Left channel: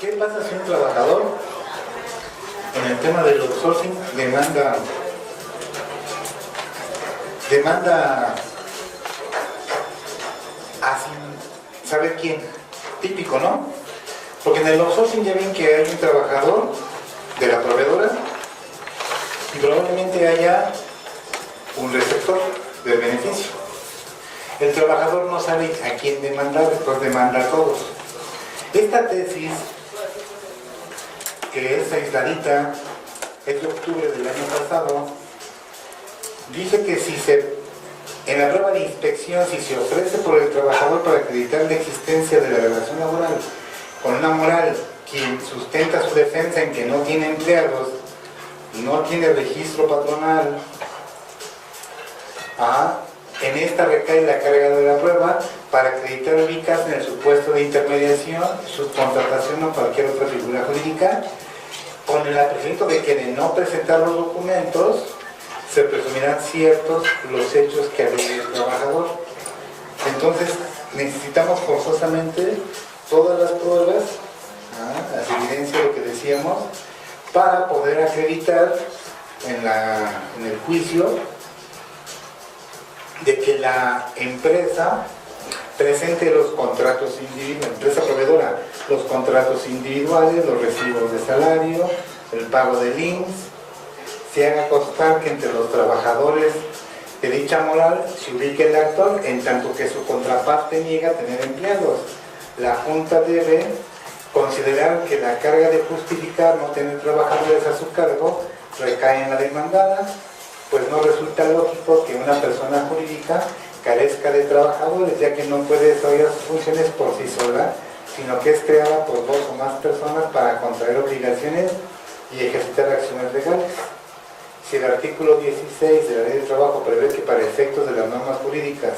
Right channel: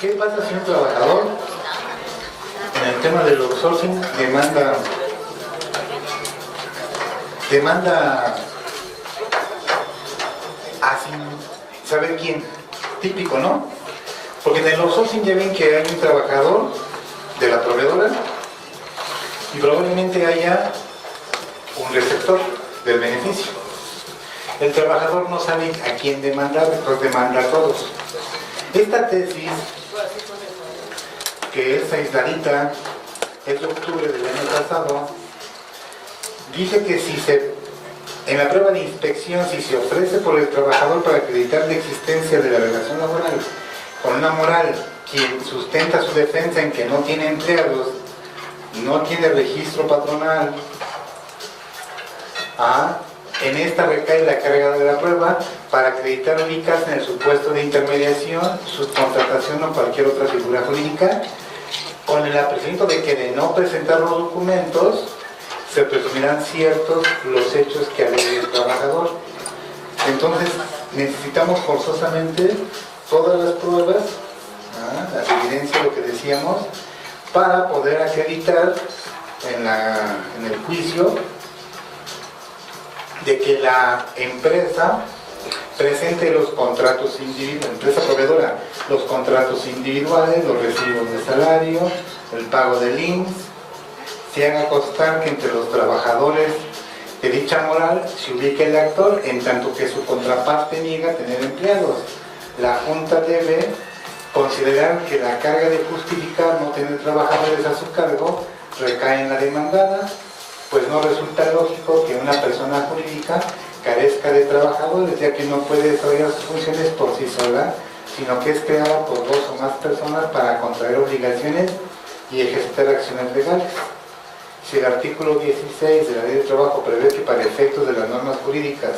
¿Qué pasa si un trabajador en el tema del outsourcing demanda a sin saber quién? Típico, ¿no? Porque en el outsourcing ya ven que hay un trabajador de la proveedora y probablemente haya un receptor del beneficio. El trabajador no sabe a quién demandar, pues demanda a todos. Esta tesis, que es aisladita, es de octubre del año pasado, dice que en la prueba de inspección, si se ofrece por el trabajador para acreditar la existencia de la relación laboral con una moral, quien sustenta su defensa en que no tiene empleados, no tiene registro patronal, en esta recae la carga de la prueba para acreditar ubicarse en el supuesto de intermediación, subcontratación o cualquier otra figura jurídica, con el apresuramiento de que de no presentar los documentos se presumirán ciertos los hechos que alega el trabajador. Entonces necesitamos forzosamente todas las pruebas, las evidencias, lo que decíamos, para poder acreditar en el juicio de que la empresa presente los contratos individuales, empresa proveedora, los contratos individuales, los recibos de salario, el pago del IMSS, se haga constar que entre los trabajadores de dicha moral se ubique el actor, en tanto que su contraparte niega tener empleados. La Junta debe considerar que la carga de justificar no tener trabajadores a su cargo recae en la demandada, pues no resulta lógico que una persona jurídica carezca de trabajadores, ya que no puede desarrollar sus funciones por sí sola, sino que es creada por dos o más personas para contraer obligaciones y ejercitar acciones legales. Si el artículo 16 de la Ley del Trabajo prevé que para efectos de las normas jurídicas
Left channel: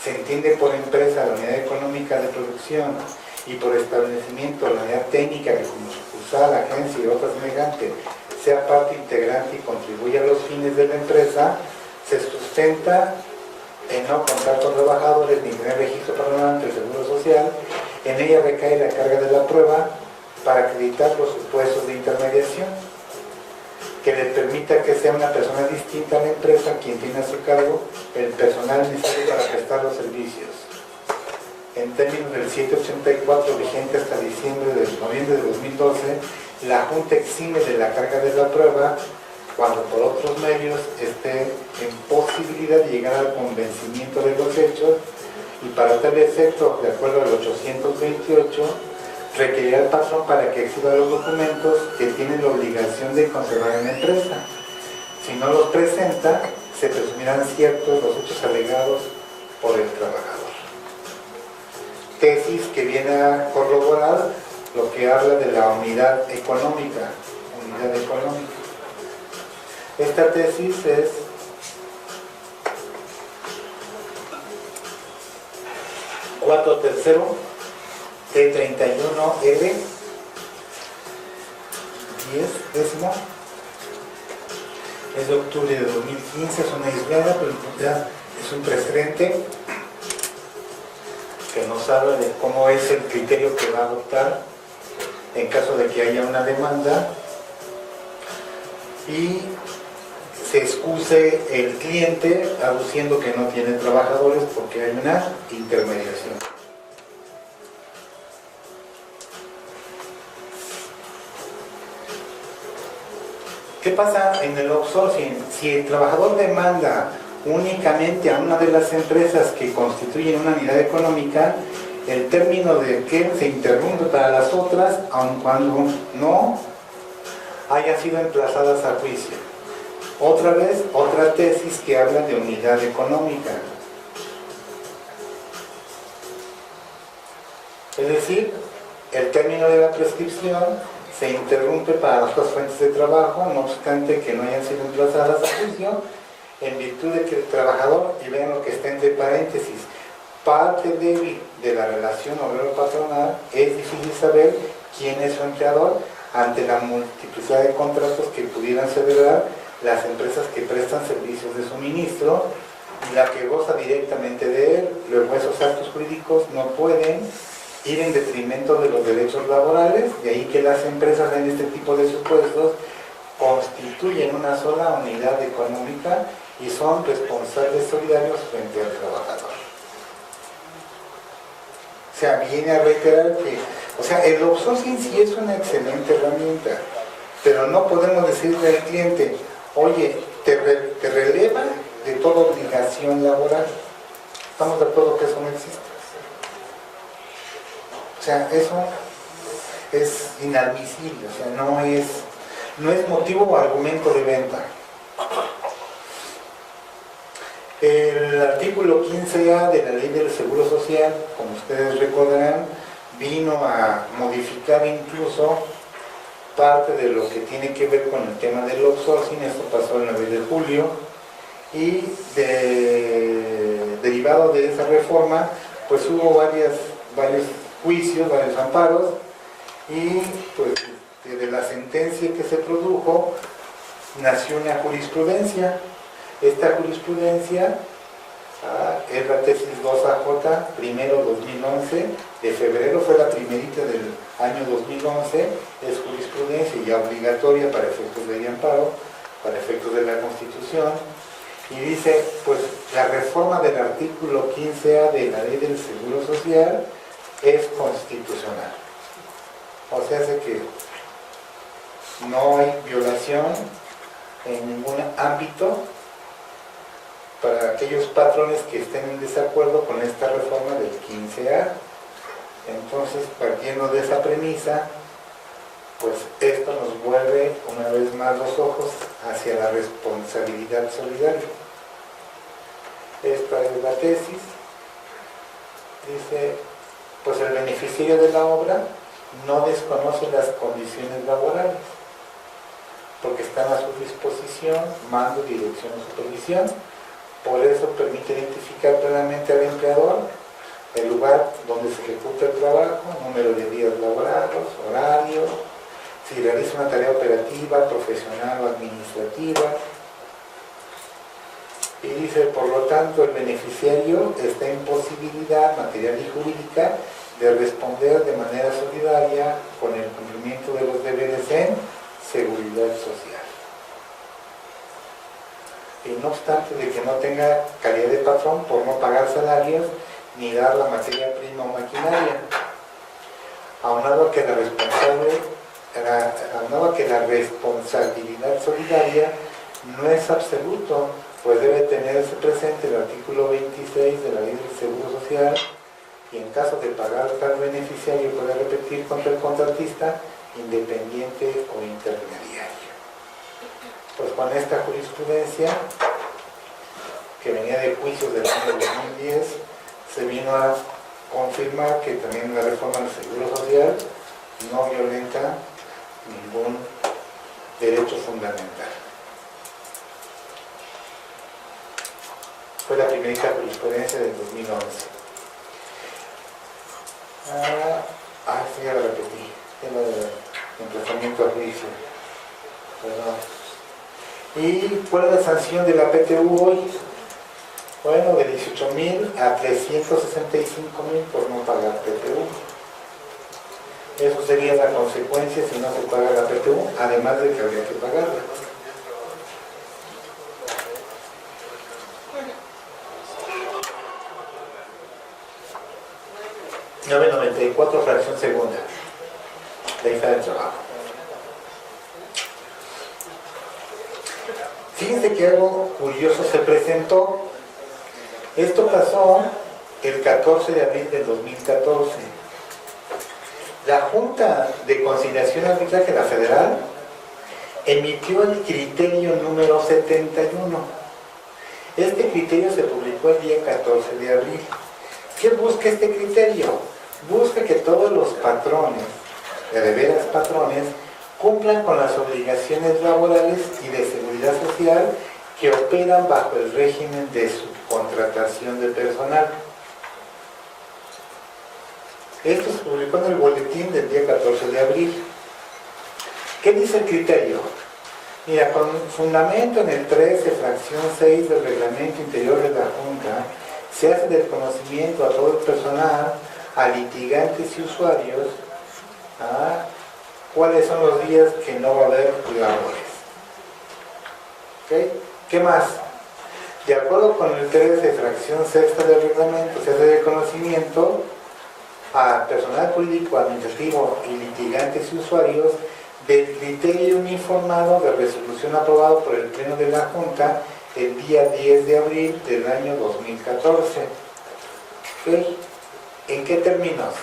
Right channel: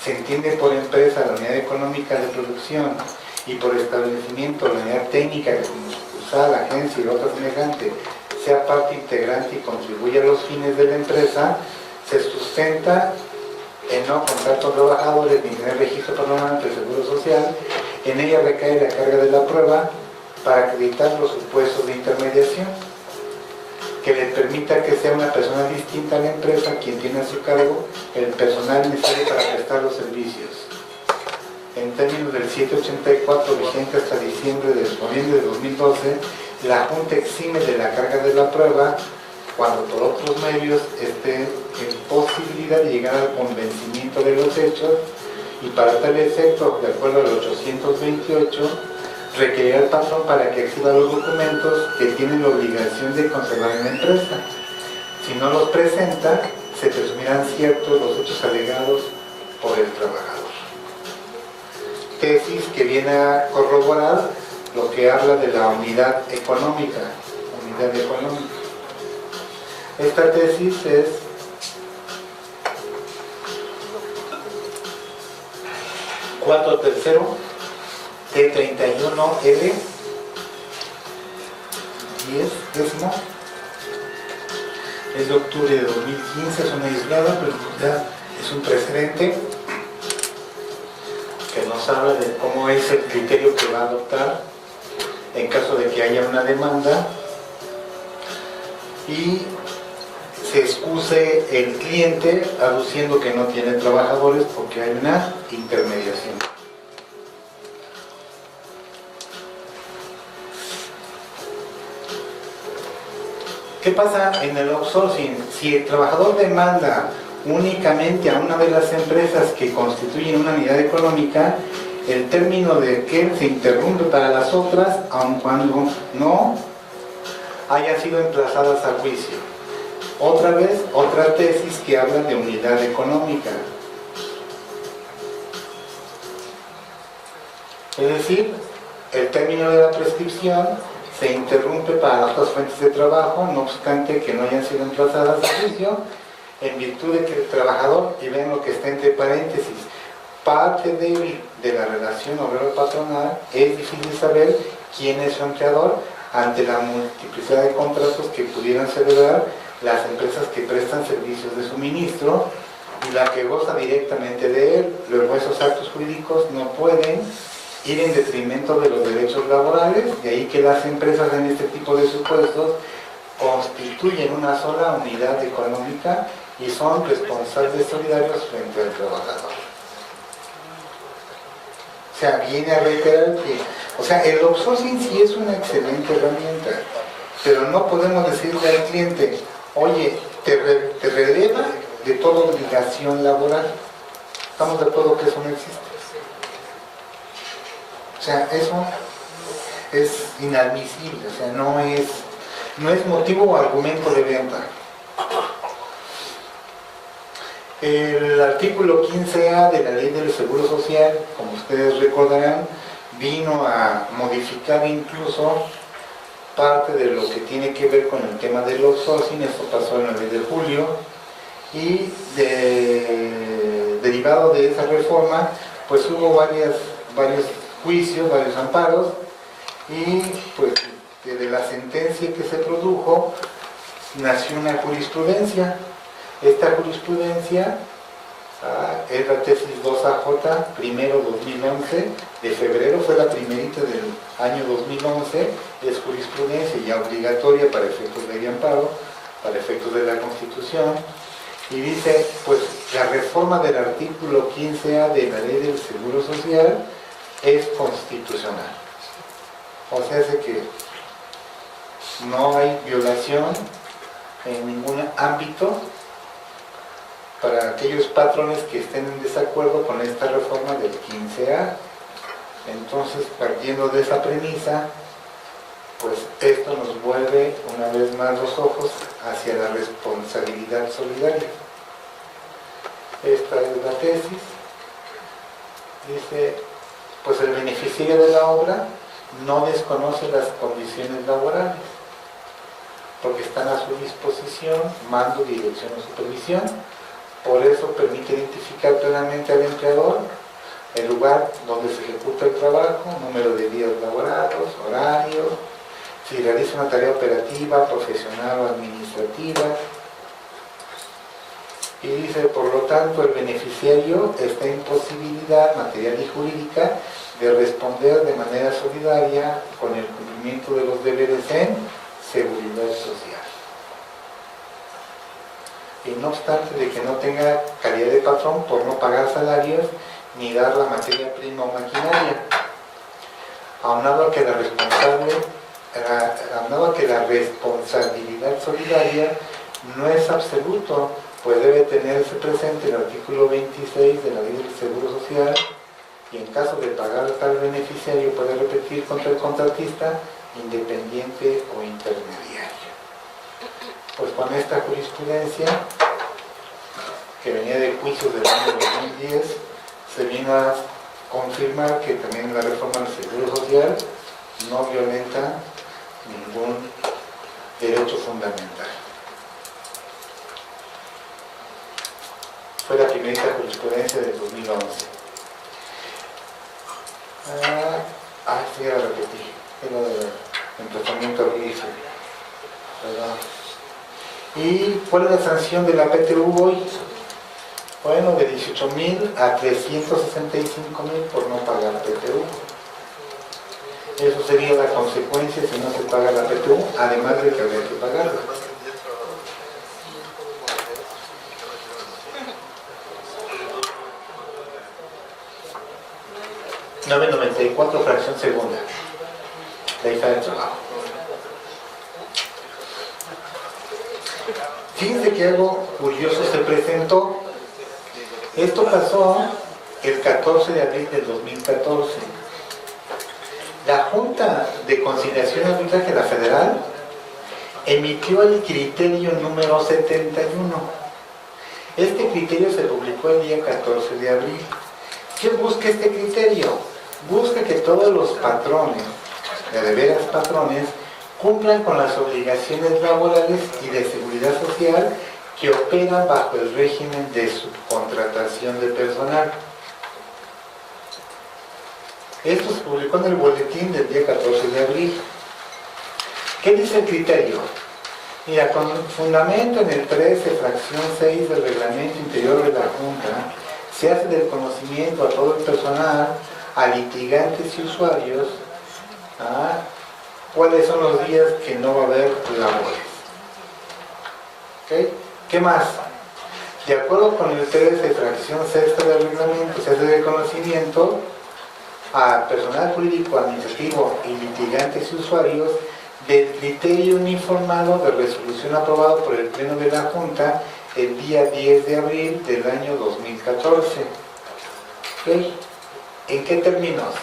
se entiende por empresa la unidad económica de producción y por establecimiento la unidad técnica que como sucursal, agencia y otra semejante sea parte integrante y contribuye a los fines de la empresa, se sustenta en no contar con trabajadores ni tener registro patronal ante el Seguro Social. En ella recae la carga de la prueba para acreditar los supuestos de intermediación que le permita que sea una persona distinta a la empresa quien tiene a su cargo el personal necesario para prestar los servicios. En términos del 784 vigente hasta noviembre de 2012, la Junta exime de la carga de la prueba cuando por otros medios esté en posibilidad de llegar al convencimiento de los hechos, y para tal efecto, de acuerdo al 828, requerirá al patrón para que exhiba los documentos que tienen la obligación de conservar en la empresa. Si no los presenta, se presumirán ciertos los hechos alegados por el trabajador. Tesis que viene a corroborar lo que habla de la unidad económica. Esta tesis es cuadro tercero T31L 10 es de octubre de 2015, es una aislada, pero ya es un precedente que nos habla de cómo es el criterio que va a adoptar en caso de que haya una demanda y se excuse el cliente aduciendo que no tiene trabajadores porque hay una intermediación. ¿Qué pasa en el outsourcing? Si el trabajador demanda únicamente a una de las empresas que constituyen una unidad económica, el término de que se interrumpe para las otras, aun cuando no hayan sido emplazadas a juicio. Otra vez, otra tesis que habla de unidad económica. Es decir, el término de la prescripción se interrumpe para las otras fuentes de trabajo, no obstante que no hayan sido emplazadas a juicio, en virtud de que el trabajador, y vean lo que está entre paréntesis, parte débil de la relación obrero-patronal, es difícil saber quién es su empleador ante la multiplicidad de contratos que pudieran celebrar las empresas que prestan servicios de suministro y la que goza directamente de él. Luego esos actos jurídicos no pueden ir en detrimento de los derechos laborales, de ahí que las empresas en este tipo de supuestos constituyen una sola unidad económica y son responsables solidarios frente al trabajador. O sea, viene a reiterar que, o sea, el outsourcing sí es una excelente herramienta, pero no podemos decirle al cliente, oye, te releva de toda obligación laboral. ¿Estamos de acuerdo que eso no existe? O sea, eso es inadmisible, o sea, no es motivo o argumento de venta. El artículo 15A de la Ley del Seguro Social, como ustedes recordarán, vino a modificar incluso parte de lo que tiene que ver con el tema del outsourcing. Esto pasó el 9 de julio y derivado de esa reforma, pues hubo varios juicios, varios amparos, y pues de la sentencia que se produjo nació una jurisprudencia. Esta jurisprudencia es la tesis 2AJ, primero 2011, de febrero, fue la primerita del año 2011, es jurisprudencia ya obligatoria para efectos de amparo, para efectos de la Constitución, y dice, pues la reforma del artículo 15A de la Ley del Seguro Social es constitucional. O sea, hace que no hay violación en ningún ámbito para aquellos patrones que estén en desacuerdo con esta reforma del 15A. Entonces, partiendo de esa premisa, pues esto nos vuelve una vez más los ojos hacia la responsabilidad solidaria. Esta es la tesis. Dice, pues el beneficiario de la obra no desconoce las condiciones laborales, porque están a su disposición mando, dirección o supervisión. Por eso permite identificar plenamente al empleador el lugar donde se ejecuta el trabajo, número de días laborados, horario, si realiza una tarea operativa, profesional o administrativa. Y dice, por lo tanto, el beneficiario está en posibilidad material y jurídica de responder de manera solidaria con el cumplimiento de los deberes en seguridad social. Y no obstante de que no tenga calidad de patrón por no pagar salarios ni dar la materia prima o maquinaria, aunado a que la responsabilidad solidaria no es absoluto, pues debe tenerse presente el artículo 26 de la Ley del Seguro Social, y en caso de pagar tal beneficiario puede repetir contra el contratista independiente o intermediario. Pues con esta jurisprudencia, que venía de juicios del año 2010, se vino a confirmar que también la reforma del Seguro Social no violenta ningún derecho fundamental. Fue la primerita jurisprudencia del 2011. Sí, ya lo repetí. Es lo del emplazamiento a juicio. Perdón. ¿Y cuál es la sanción de la PTU hoy? Bueno, de 18,000 a 365,000 por no pagar PTU. Eso sería la consecuencia si no se paga la PTU, además de que habría que pagarla. $9.94 fracción segunda. La hija del trabajo. Fíjense que algo curioso se presentó. Esto pasó el 14 de abril del 2014. La Junta de Conciliación y Arbitraje de la Federal emitió el criterio número 71. Este criterio se publicó el día 14 de abril. ¿Qué busca este criterio? Busca que todos los patrones, de veras patrones, cumplan con las obligaciones laborales y de seguridad social que operan bajo el régimen de subcontratación de personal. Esto se publicó en el boletín del día 14 de abril. ¿Qué dice el criterio? Mira, con fundamento en el 13, fracción 6 del reglamento interior de la Junta, se hace del conocimiento a todo el personal a litigantes y usuarios cuáles son los días que no va a haber labores. ¿Okay? ¿Qué más? De acuerdo con el 13, fracción sexta del reglamento, se hace reconocimiento a personal jurídico, administrativo y litigantes y usuarios del criterio uniformado de resolución aprobado por el Pleno de la Junta el día 10 de abril del año 2014. ¿Okay? ¿En qué términos?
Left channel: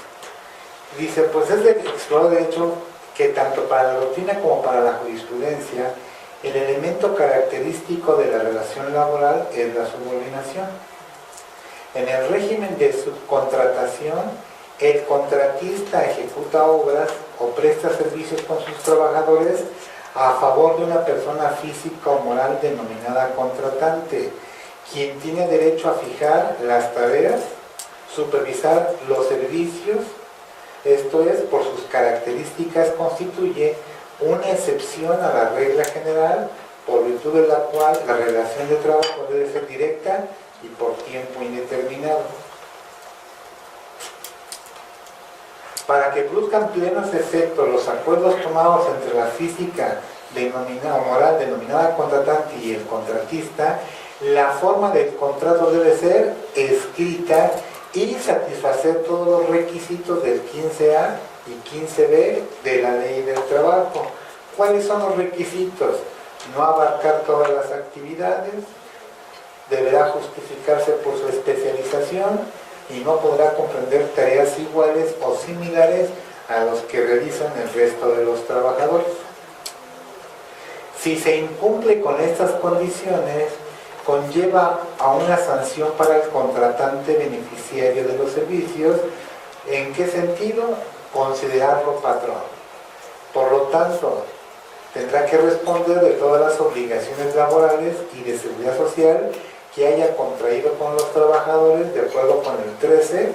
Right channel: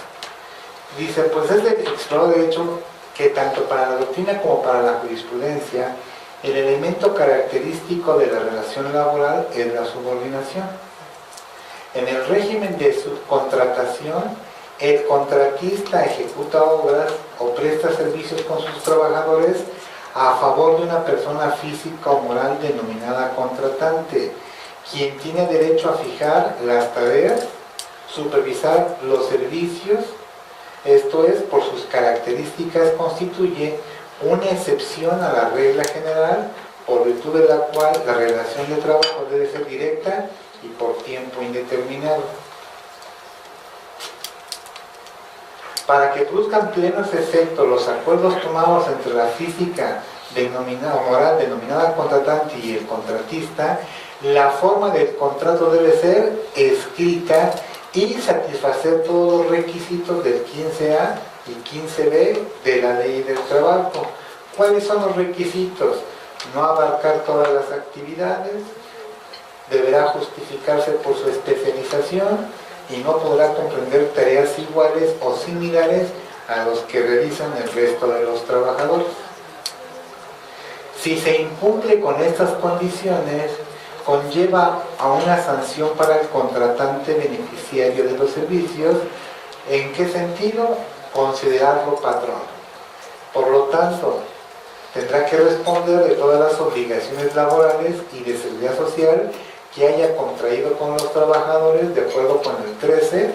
Dice, pues es de explorado de hecho que tanto para la doctrina como para la jurisprudencia, el elemento característico de la relación laboral es la subordinación. En el régimen de subcontratación, el contratista ejecuta obras o presta servicios con sus trabajadores a favor de una persona física o moral denominada contratante, quien tiene derecho a fijar las tareas, supervisar los servicios. Esto es, por sus características constituye una excepción a la regla general, por virtud de la cual la relación de trabajo debe ser directa y por tiempo indeterminado. Para que produzcan plenos efectos los acuerdos tomados entre la física o moral denominada contratante y el contratista, la forma del contrato debe ser escrita y satisfacer todos los requisitos del 15A y 15B de la Ley del Trabajo. ¿Cuáles son los requisitos? No abarcar todas las actividades, deberá justificarse por su especialización y no podrá comprender tareas iguales o similares a los que realizan el resto de los trabajadores. Si se incumple con estas condiciones, conlleva a una sanción para el contratante beneficiario de los servicios. ¿En qué sentido? Considerarlo patrón. Por lo tanto, tendrá que responder de todas las obligaciones laborales y de seguridad social que haya contraído con los trabajadores de acuerdo con el 13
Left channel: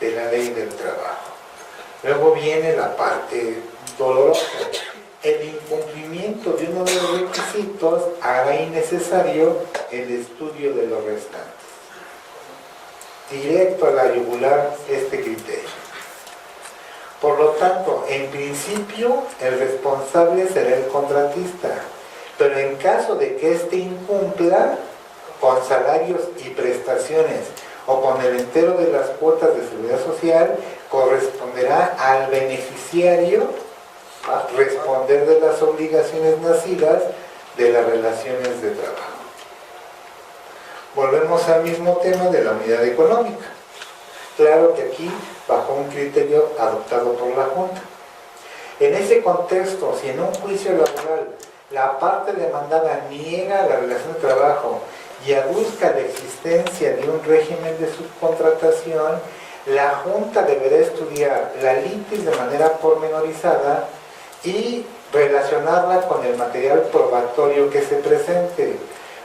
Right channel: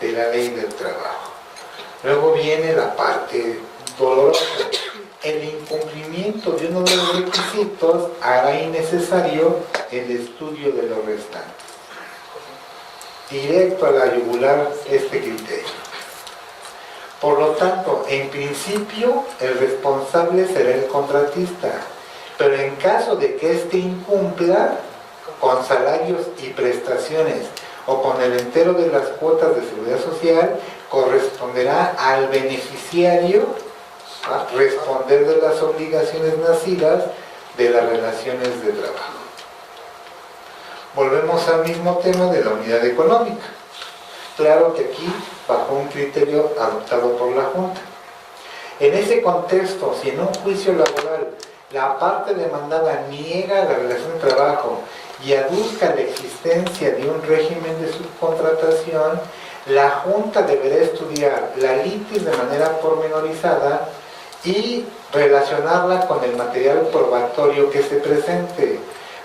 de la Ley del Trabajo. Luego viene la parte dolorosa. El incumplimiento de uno de los requisitos hará innecesario el estudio de los restantes. Directo a la yugular este criterio. Por lo tanto, en principio, el responsable será el contratista, pero en caso de que éste incumpla con salarios y prestaciones o con el entero de las cuotas de seguridad social, corresponderá al beneficiario responder de las obligaciones nacidas de las relaciones de trabajo. Volvemos al mismo tema de la unidad económica. Claro que aquí, bajo un criterio adoptado por la Junta. En ese contexto, si en un juicio laboral la parte demandada niega la relación de trabajo y aduzca la existencia de un régimen de subcontratación, la Junta deberá estudiar la litis de manera pormenorizada y relacionarla con el material probatorio que se presente,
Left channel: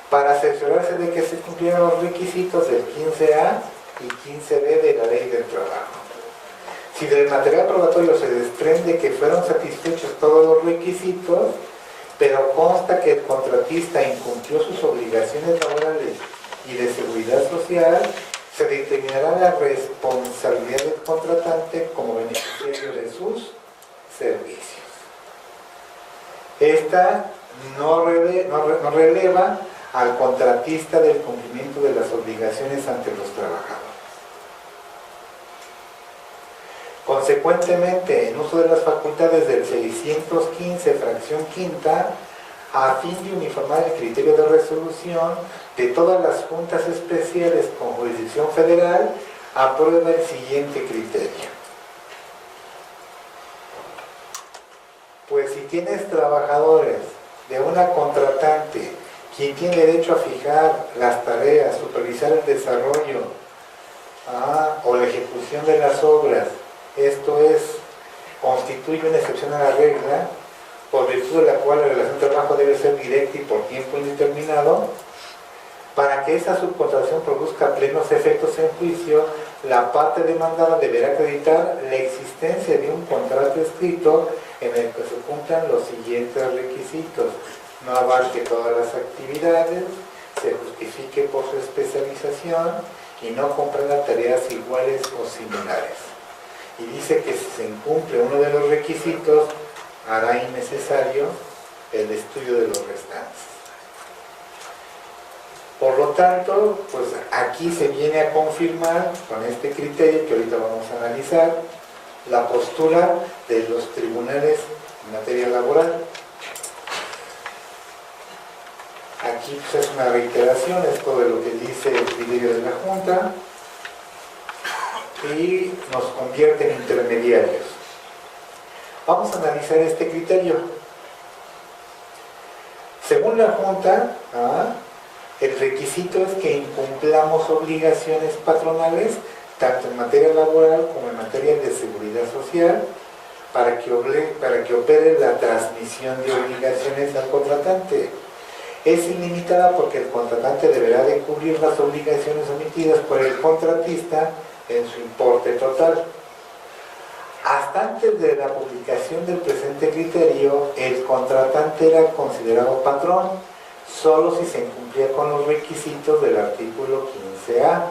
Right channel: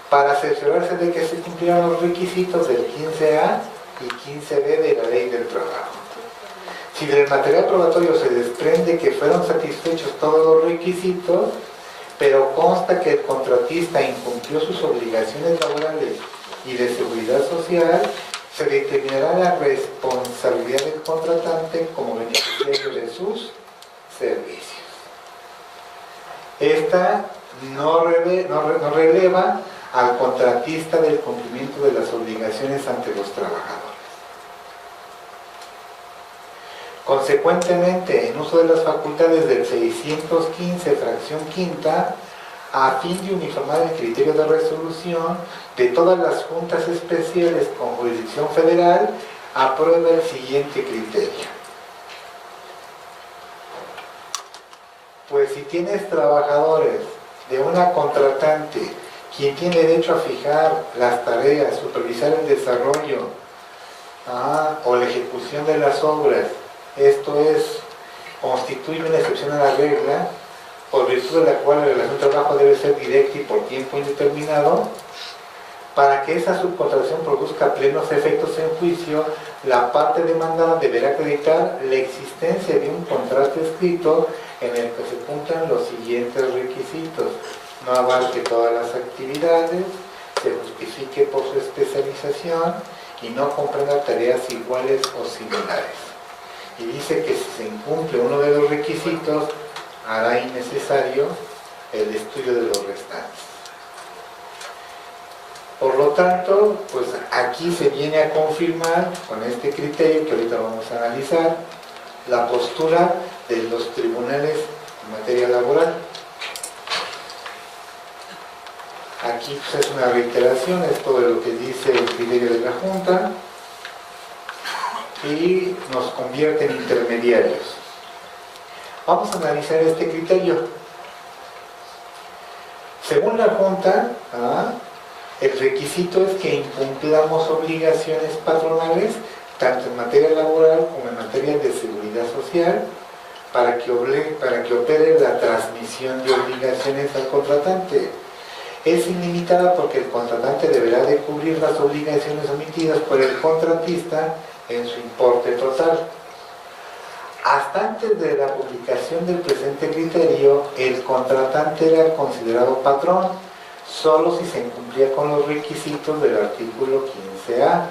para cerciorarse de que se cumplieron los requisitos del 15A y 15B de la Ley del Trabajo. Si del material probatorio se desprende que fueron satisfechos todos los requisitos, pero consta que el contratista incumplió sus obligaciones laborales y de seguridad social, se determinará la responsabilidad del contratante como beneficiario de sus servicios. Esta no releva al contratista del cumplimiento de las obligaciones ante los trabajadores. Consecuentemente, en uso de las facultades del 615, fracción quinta, a fin de uniformar el criterio de resolución de todas las juntas especiales con jurisdicción federal, aprueba el siguiente criterio. Pues si tienes trabajadores de una contratante, quien tiene derecho a fijar las tareas, supervisar el desarrollo o la ejecución de las obras, esto es, constituye una excepción a la regla, por virtud de la cual la relación de trabajo debe ser directa y por tiempo indeterminado. Para que esa subcontratación produzca plenos efectos en juicio, la parte demandada deberá acreditar la existencia de un contrato escrito en el que se cumplan los siguientes requisitos: no abarque todas las actividades, se justifique por su especialización y no comprenda tareas iguales o similares. y dice que si se incumple uno de los requisitos, hará innecesario el estudio de los restantes. Por lo tanto, pues aquí se viene a confirmar con este criterio que ahorita vamos a analizar la postura de los tribunales en materia laboral. Aquí pues, es una reiteración, es todo lo que dice el criterio de la Junta y nos convierte en intermediarios. Vamos a analizar este criterio. Según la Junta, el requisito es que incumplamos obligaciones patronales, tanto en materia laboral como en materia de seguridad social, para que opere la transmisión de obligaciones al contratante. Es ilimitada porque el contratante deberá de cubrir las obligaciones omitidas por el contratista en su importe total. Hasta antes de la publicación del presente criterio, el contratante era considerado patrón, solo si se cumplía con los requisitos del artículo 15A.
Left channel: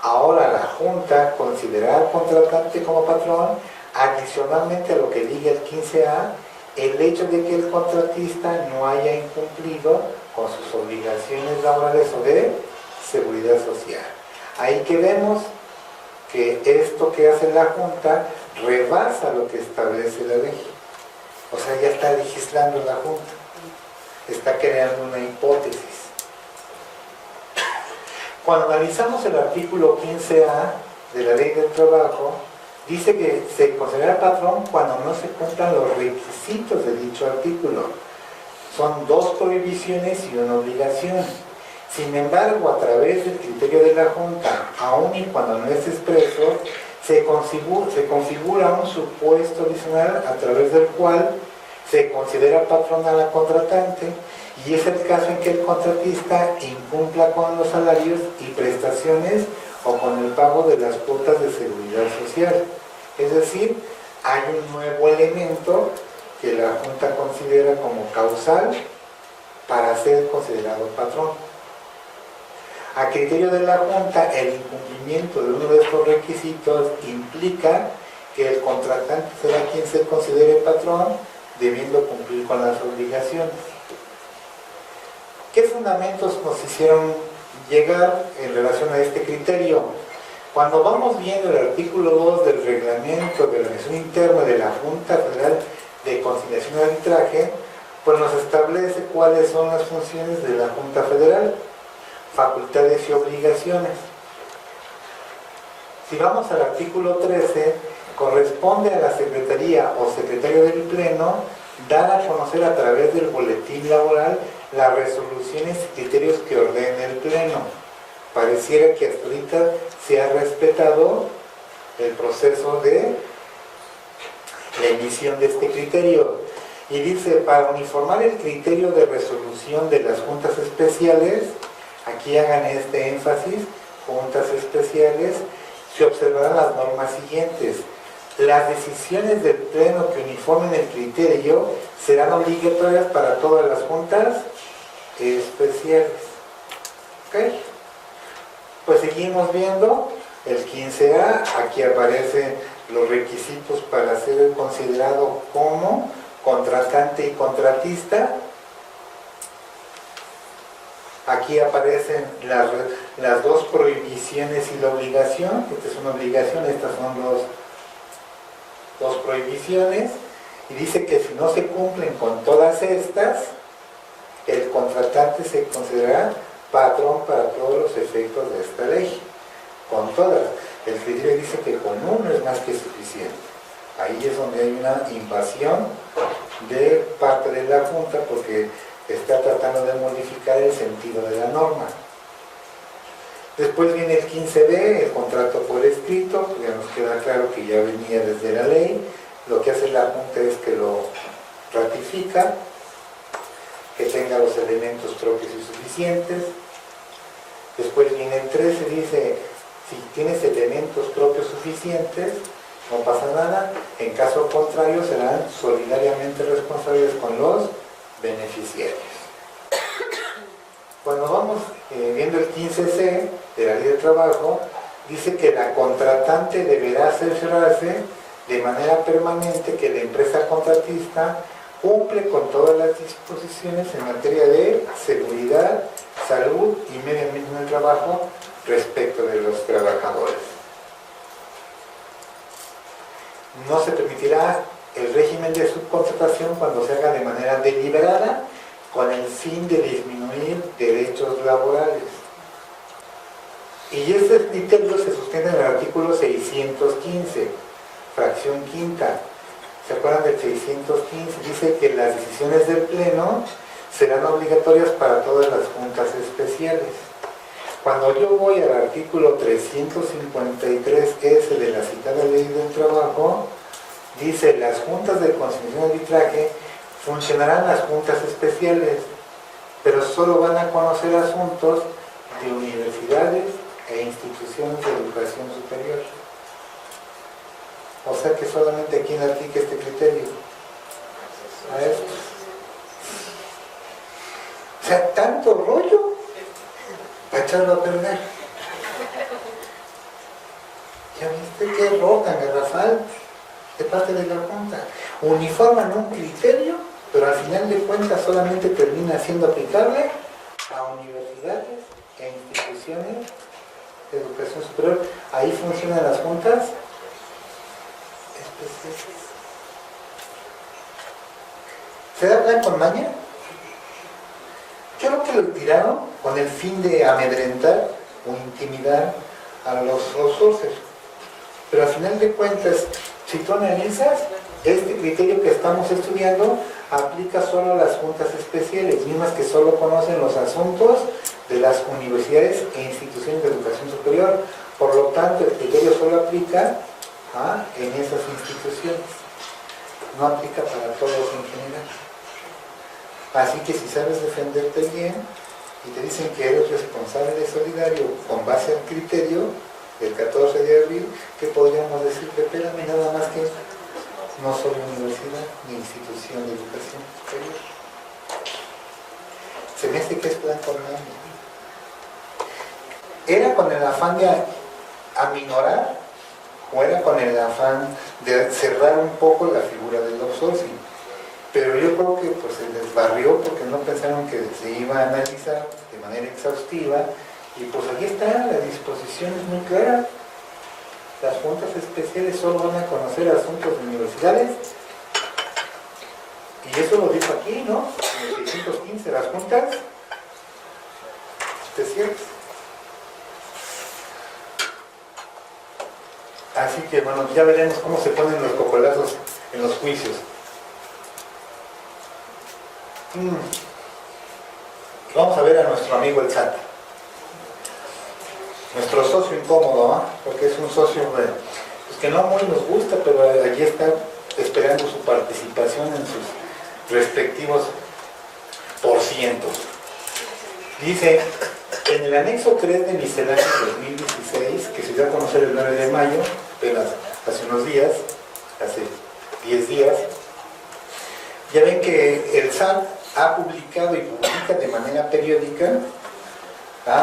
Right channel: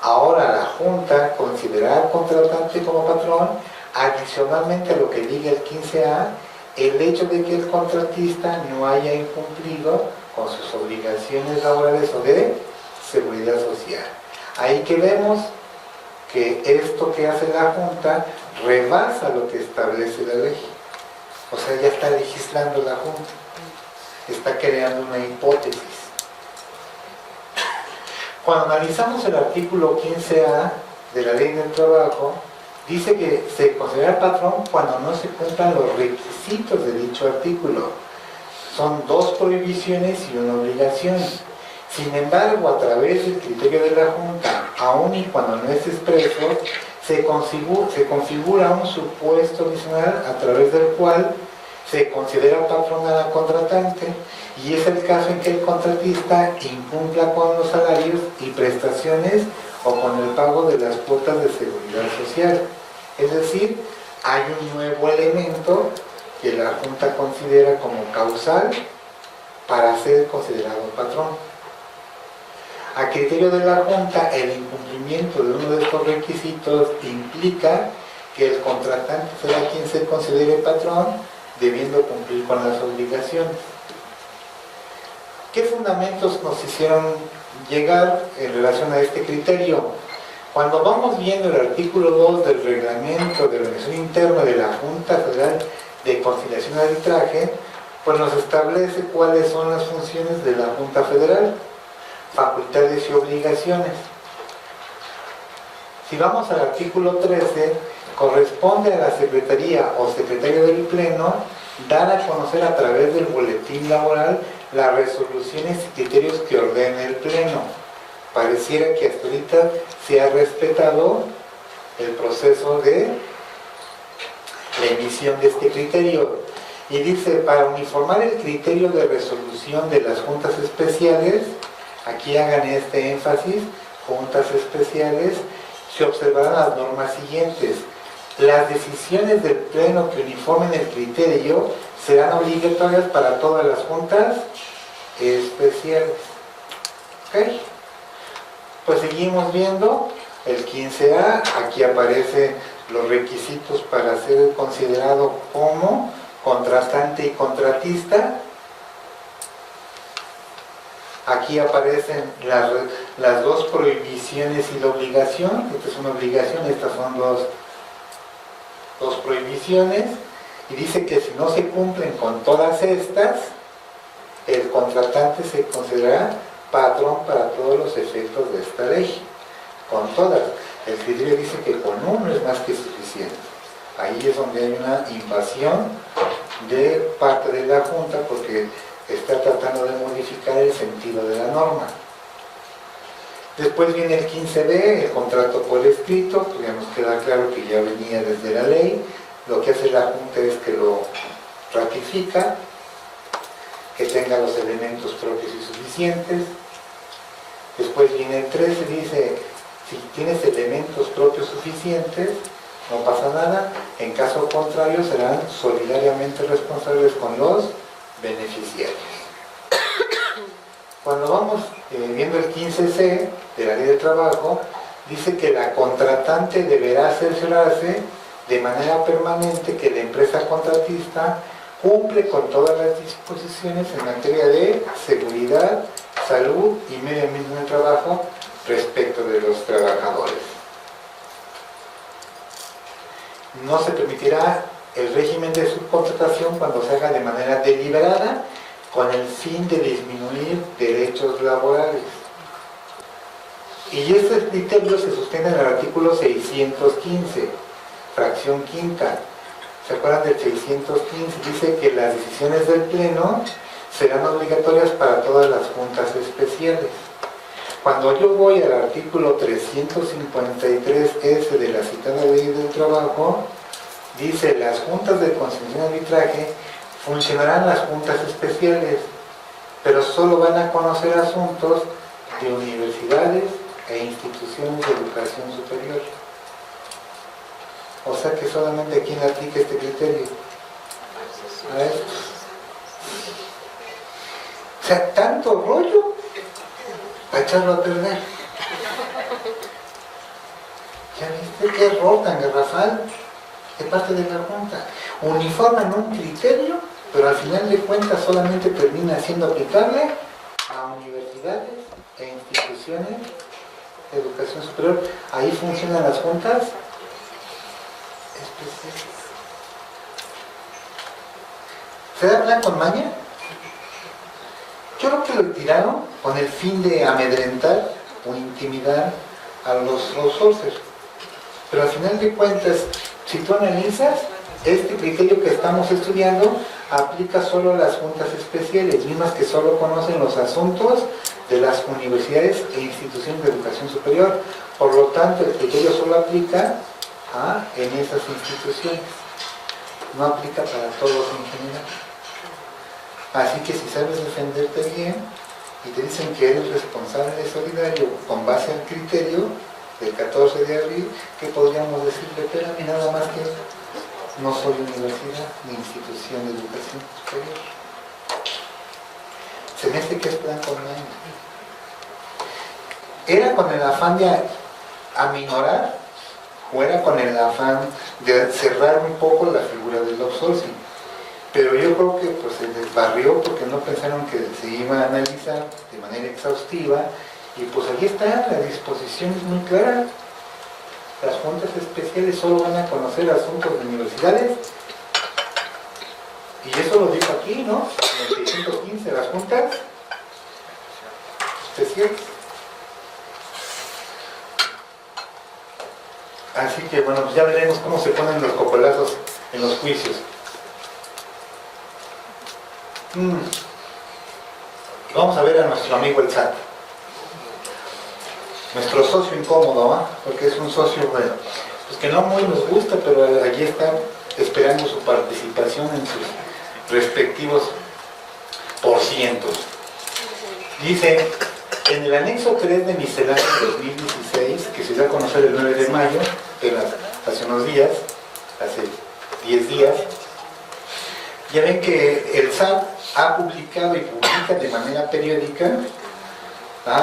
Ahora la Junta considera al contratante como patrón, adicionalmente a lo que diga el 15A, el hecho de que el contratista no haya incumplido con sus obligaciones laborales o de seguridad social. Ahí que vemos que esto que hace la Junta rebasa lo que establece la ley. O sea, ya está legislando la Junta. Está creando una hipótesis. Cuando analizamos el artículo 15A de la Ley del Trabajo, dice que se considera patrón cuando no se cumplan los requisitos de dicho artículo. Son 2 prohibiciones y una obligación. Sin embargo, a través del criterio de la Junta, aun y cuando no es expreso, se configura un supuesto adicional a través del cual se considera patrón a la contratante, y es el caso en que el contratista incumpla con los salarios y prestaciones o con el pago de las cuotas de seguridad social. Es decir, hay un nuevo elemento que la Junta considera como causal para ser considerado patrón. A criterio de la Junta, el incumplimiento de uno de estos requisitos implica que el contratante será quien se considere patrón, debiendo cumplir con las obligaciones. ¿Qué fundamentos nos hicieron llegar en relación a este criterio? Cuando vamos viendo el artículo 2 del reglamento de organización interna de la Junta Federal de Conciliación y Arbitraje, pues nos establece cuáles son las funciones de la Junta Federal, facultades y obligaciones. Si vamos al artículo 13, corresponde a la Secretaría o Secretario del Pleno dar a conocer a través del boletín laboral las resoluciones y criterios que ordene el Pleno. Pareciera que hasta ahorita se ha respetado el proceso de la emisión de este criterio. Y dice, para uniformar el criterio de resolución de las juntas especiales, aquí hagan este énfasis, juntas especiales, se observarán las normas siguientes. Las decisiones del Pleno que uniformen el criterio serán obligatorias para todas las juntas especiales. ¿Ok? Pues seguimos viendo el 15A, aquí aparecen los requisitos para ser considerado como contratante y contratista. Aquí aparecen las 2 prohibiciones y la obligación. Esta es una obligación, estas son dos prohibiciones. Y dice que si no se cumplen con todas estas, el contratante se considerará patrón para todos los efectos de esta ley. Con todas. El criterio dice que con uno es más que suficiente. Ahí es donde hay una invasión de parte de la Junta porque está tratando de modificar el sentido de la norma. Después viene el 15B, el contrato por escrito, pues ya nos queda claro que ya venía desde la ley. Lo que hace la Junta es que lo ratifica, que tenga los elementos propios y suficientes. Después viene el 13, dice, si tienes elementos propios suficientes, no pasa nada. En caso contrario, serán solidariamente responsables con los beneficiarios. Cuando vamos viendo el 15C de la Ley del Trabajo, dice que la contratante deberá cerciorarse de manera permanente que la empresa contratista cumple con todas las disposiciones en materia de seguridad, salud y medio ambiente en el trabajo respecto de los trabajadores. No se permitirá el régimen de subcontratación cuando se haga de manera deliberada con el fin de disminuir derechos laborales. Y este criterio se sostiene en el artículo 615, fracción quinta. ¿Se acuerdan del 615? Dice que las decisiones del Pleno serán obligatorias para todas las juntas especiales. Cuando yo voy al artículo 353S de la citada Ley del Trabajo, dice: las juntas de conciliación y arbitraje funcionarán las juntas especiales, pero solo van a conocer asuntos de universidades e instituciones de educación superior. O sea que solamente a quién le aplica este criterio. A estos. O sea, tanto rollo para echarlo a perder. ¿Ya viste qué error tan garrafal de parte de la Junta? Uniforman un criterio, pero al final de cuentas solamente termina siendo aplicable a universidades e instituciones de educación superior. Ahí funcionan las juntas especiales. ¿Se habla con maña? Yo creo que lo tiraron con el fin de amedrentar o intimidar a los outsourcers. Pero al final de cuentas, si tú analizas, este criterio que estamos estudiando aplica solo a las juntas especiales, mismas que solo conocen los asuntos de las universidades e instituciones de educación superior. Por lo tanto, el criterio solo aplica en esas instituciones. No aplica para todos en general. Así que si sabes defenderte bien y te dicen que eres responsable solidario con base al criterio del 14 de abril, ¿qué podríamos decirle? Espérame, nada más que no soy universidad ni institución de educación superior. Se me hace que es plan con maña. ¿Era con el afán de aminorar o era con el afán de cerrar un poco la figura del outsourcing? Pero yo creo que pues, se les barrió porque no pensaron que se iba a analizar de manera exhaustiva. Y pues aquí está, la disposición es muy clara. Las juntas especiales solo van a conocer asuntos de universidades. Y eso lo dijo aquí, ¿no? En el 615, las juntas especiales. Así que bueno, pues ya veremos cómo se ponen los cocolazos en los juicios. Vamos a ver a nuestro amigo el SAT. Nuestro socio incómodo, porque es un socio, bueno, pues que no muy nos gusta, pero allí está esperando su participación en sus respectivos porcientos. Dice, en el anexo 3 de misceláneo de 2016, que se dio a conocer el 9 de mayo, hace unos días, hace 10 días, ya ven que el SAT ha publicado y publica de manera periódica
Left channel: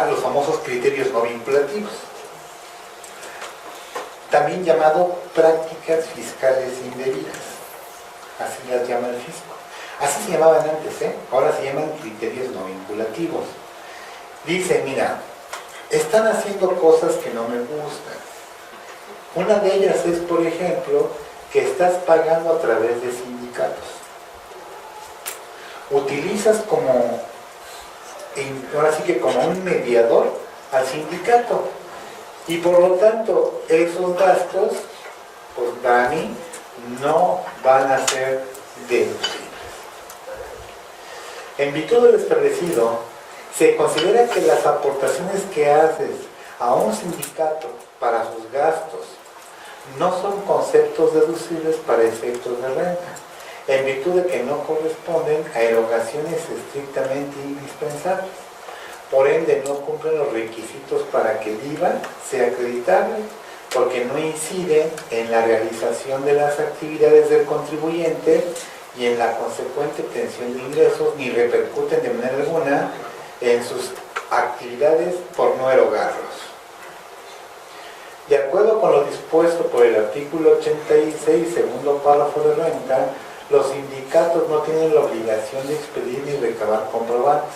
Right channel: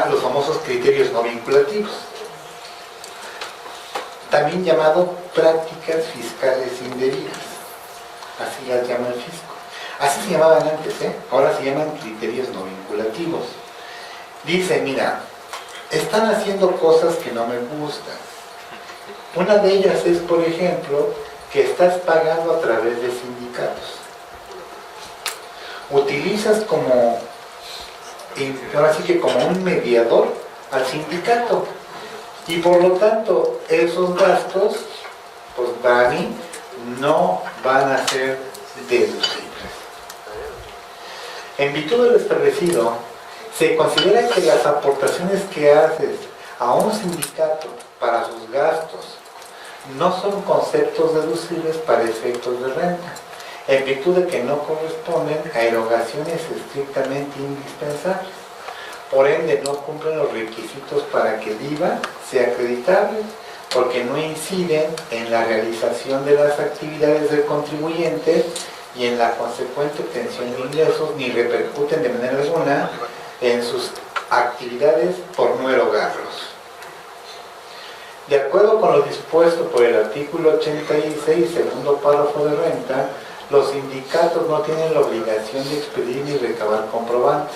los famosos criterios no vinculativos, también llamado prácticas fiscales indebidas, así las llama el fisco. Así se llamaban antes, ahora se llaman criterios no vinculativos. Dice, mira, están haciendo cosas que no me gustan. Una de ellas es, por ejemplo, que estás pagando a través de sindicatos. Utilizas ahora sí que como un mediador al sindicato. Y por lo tanto, esos gastos, pues para mí, no van a ser deducibles. En virtud de lo establecido, se considera que las aportaciones que haces a un sindicato para sus gastos no son conceptos deducibles para efectos de renta, en virtud de que no corresponden a erogaciones estrictamente indispensables. Por ende, no cumplen los requisitos para que el IVA sea acreditable, porque no inciden en la realización de las actividades del contribuyente y en la consecuente obtención de ingresos, ni repercuten de manera alguna en sus actividades por no erogarlos. De acuerdo con lo dispuesto por el artículo 86, segundo párrafo de renta, los sindicatos no tienen la obligación de expedir ni recabar comprobantes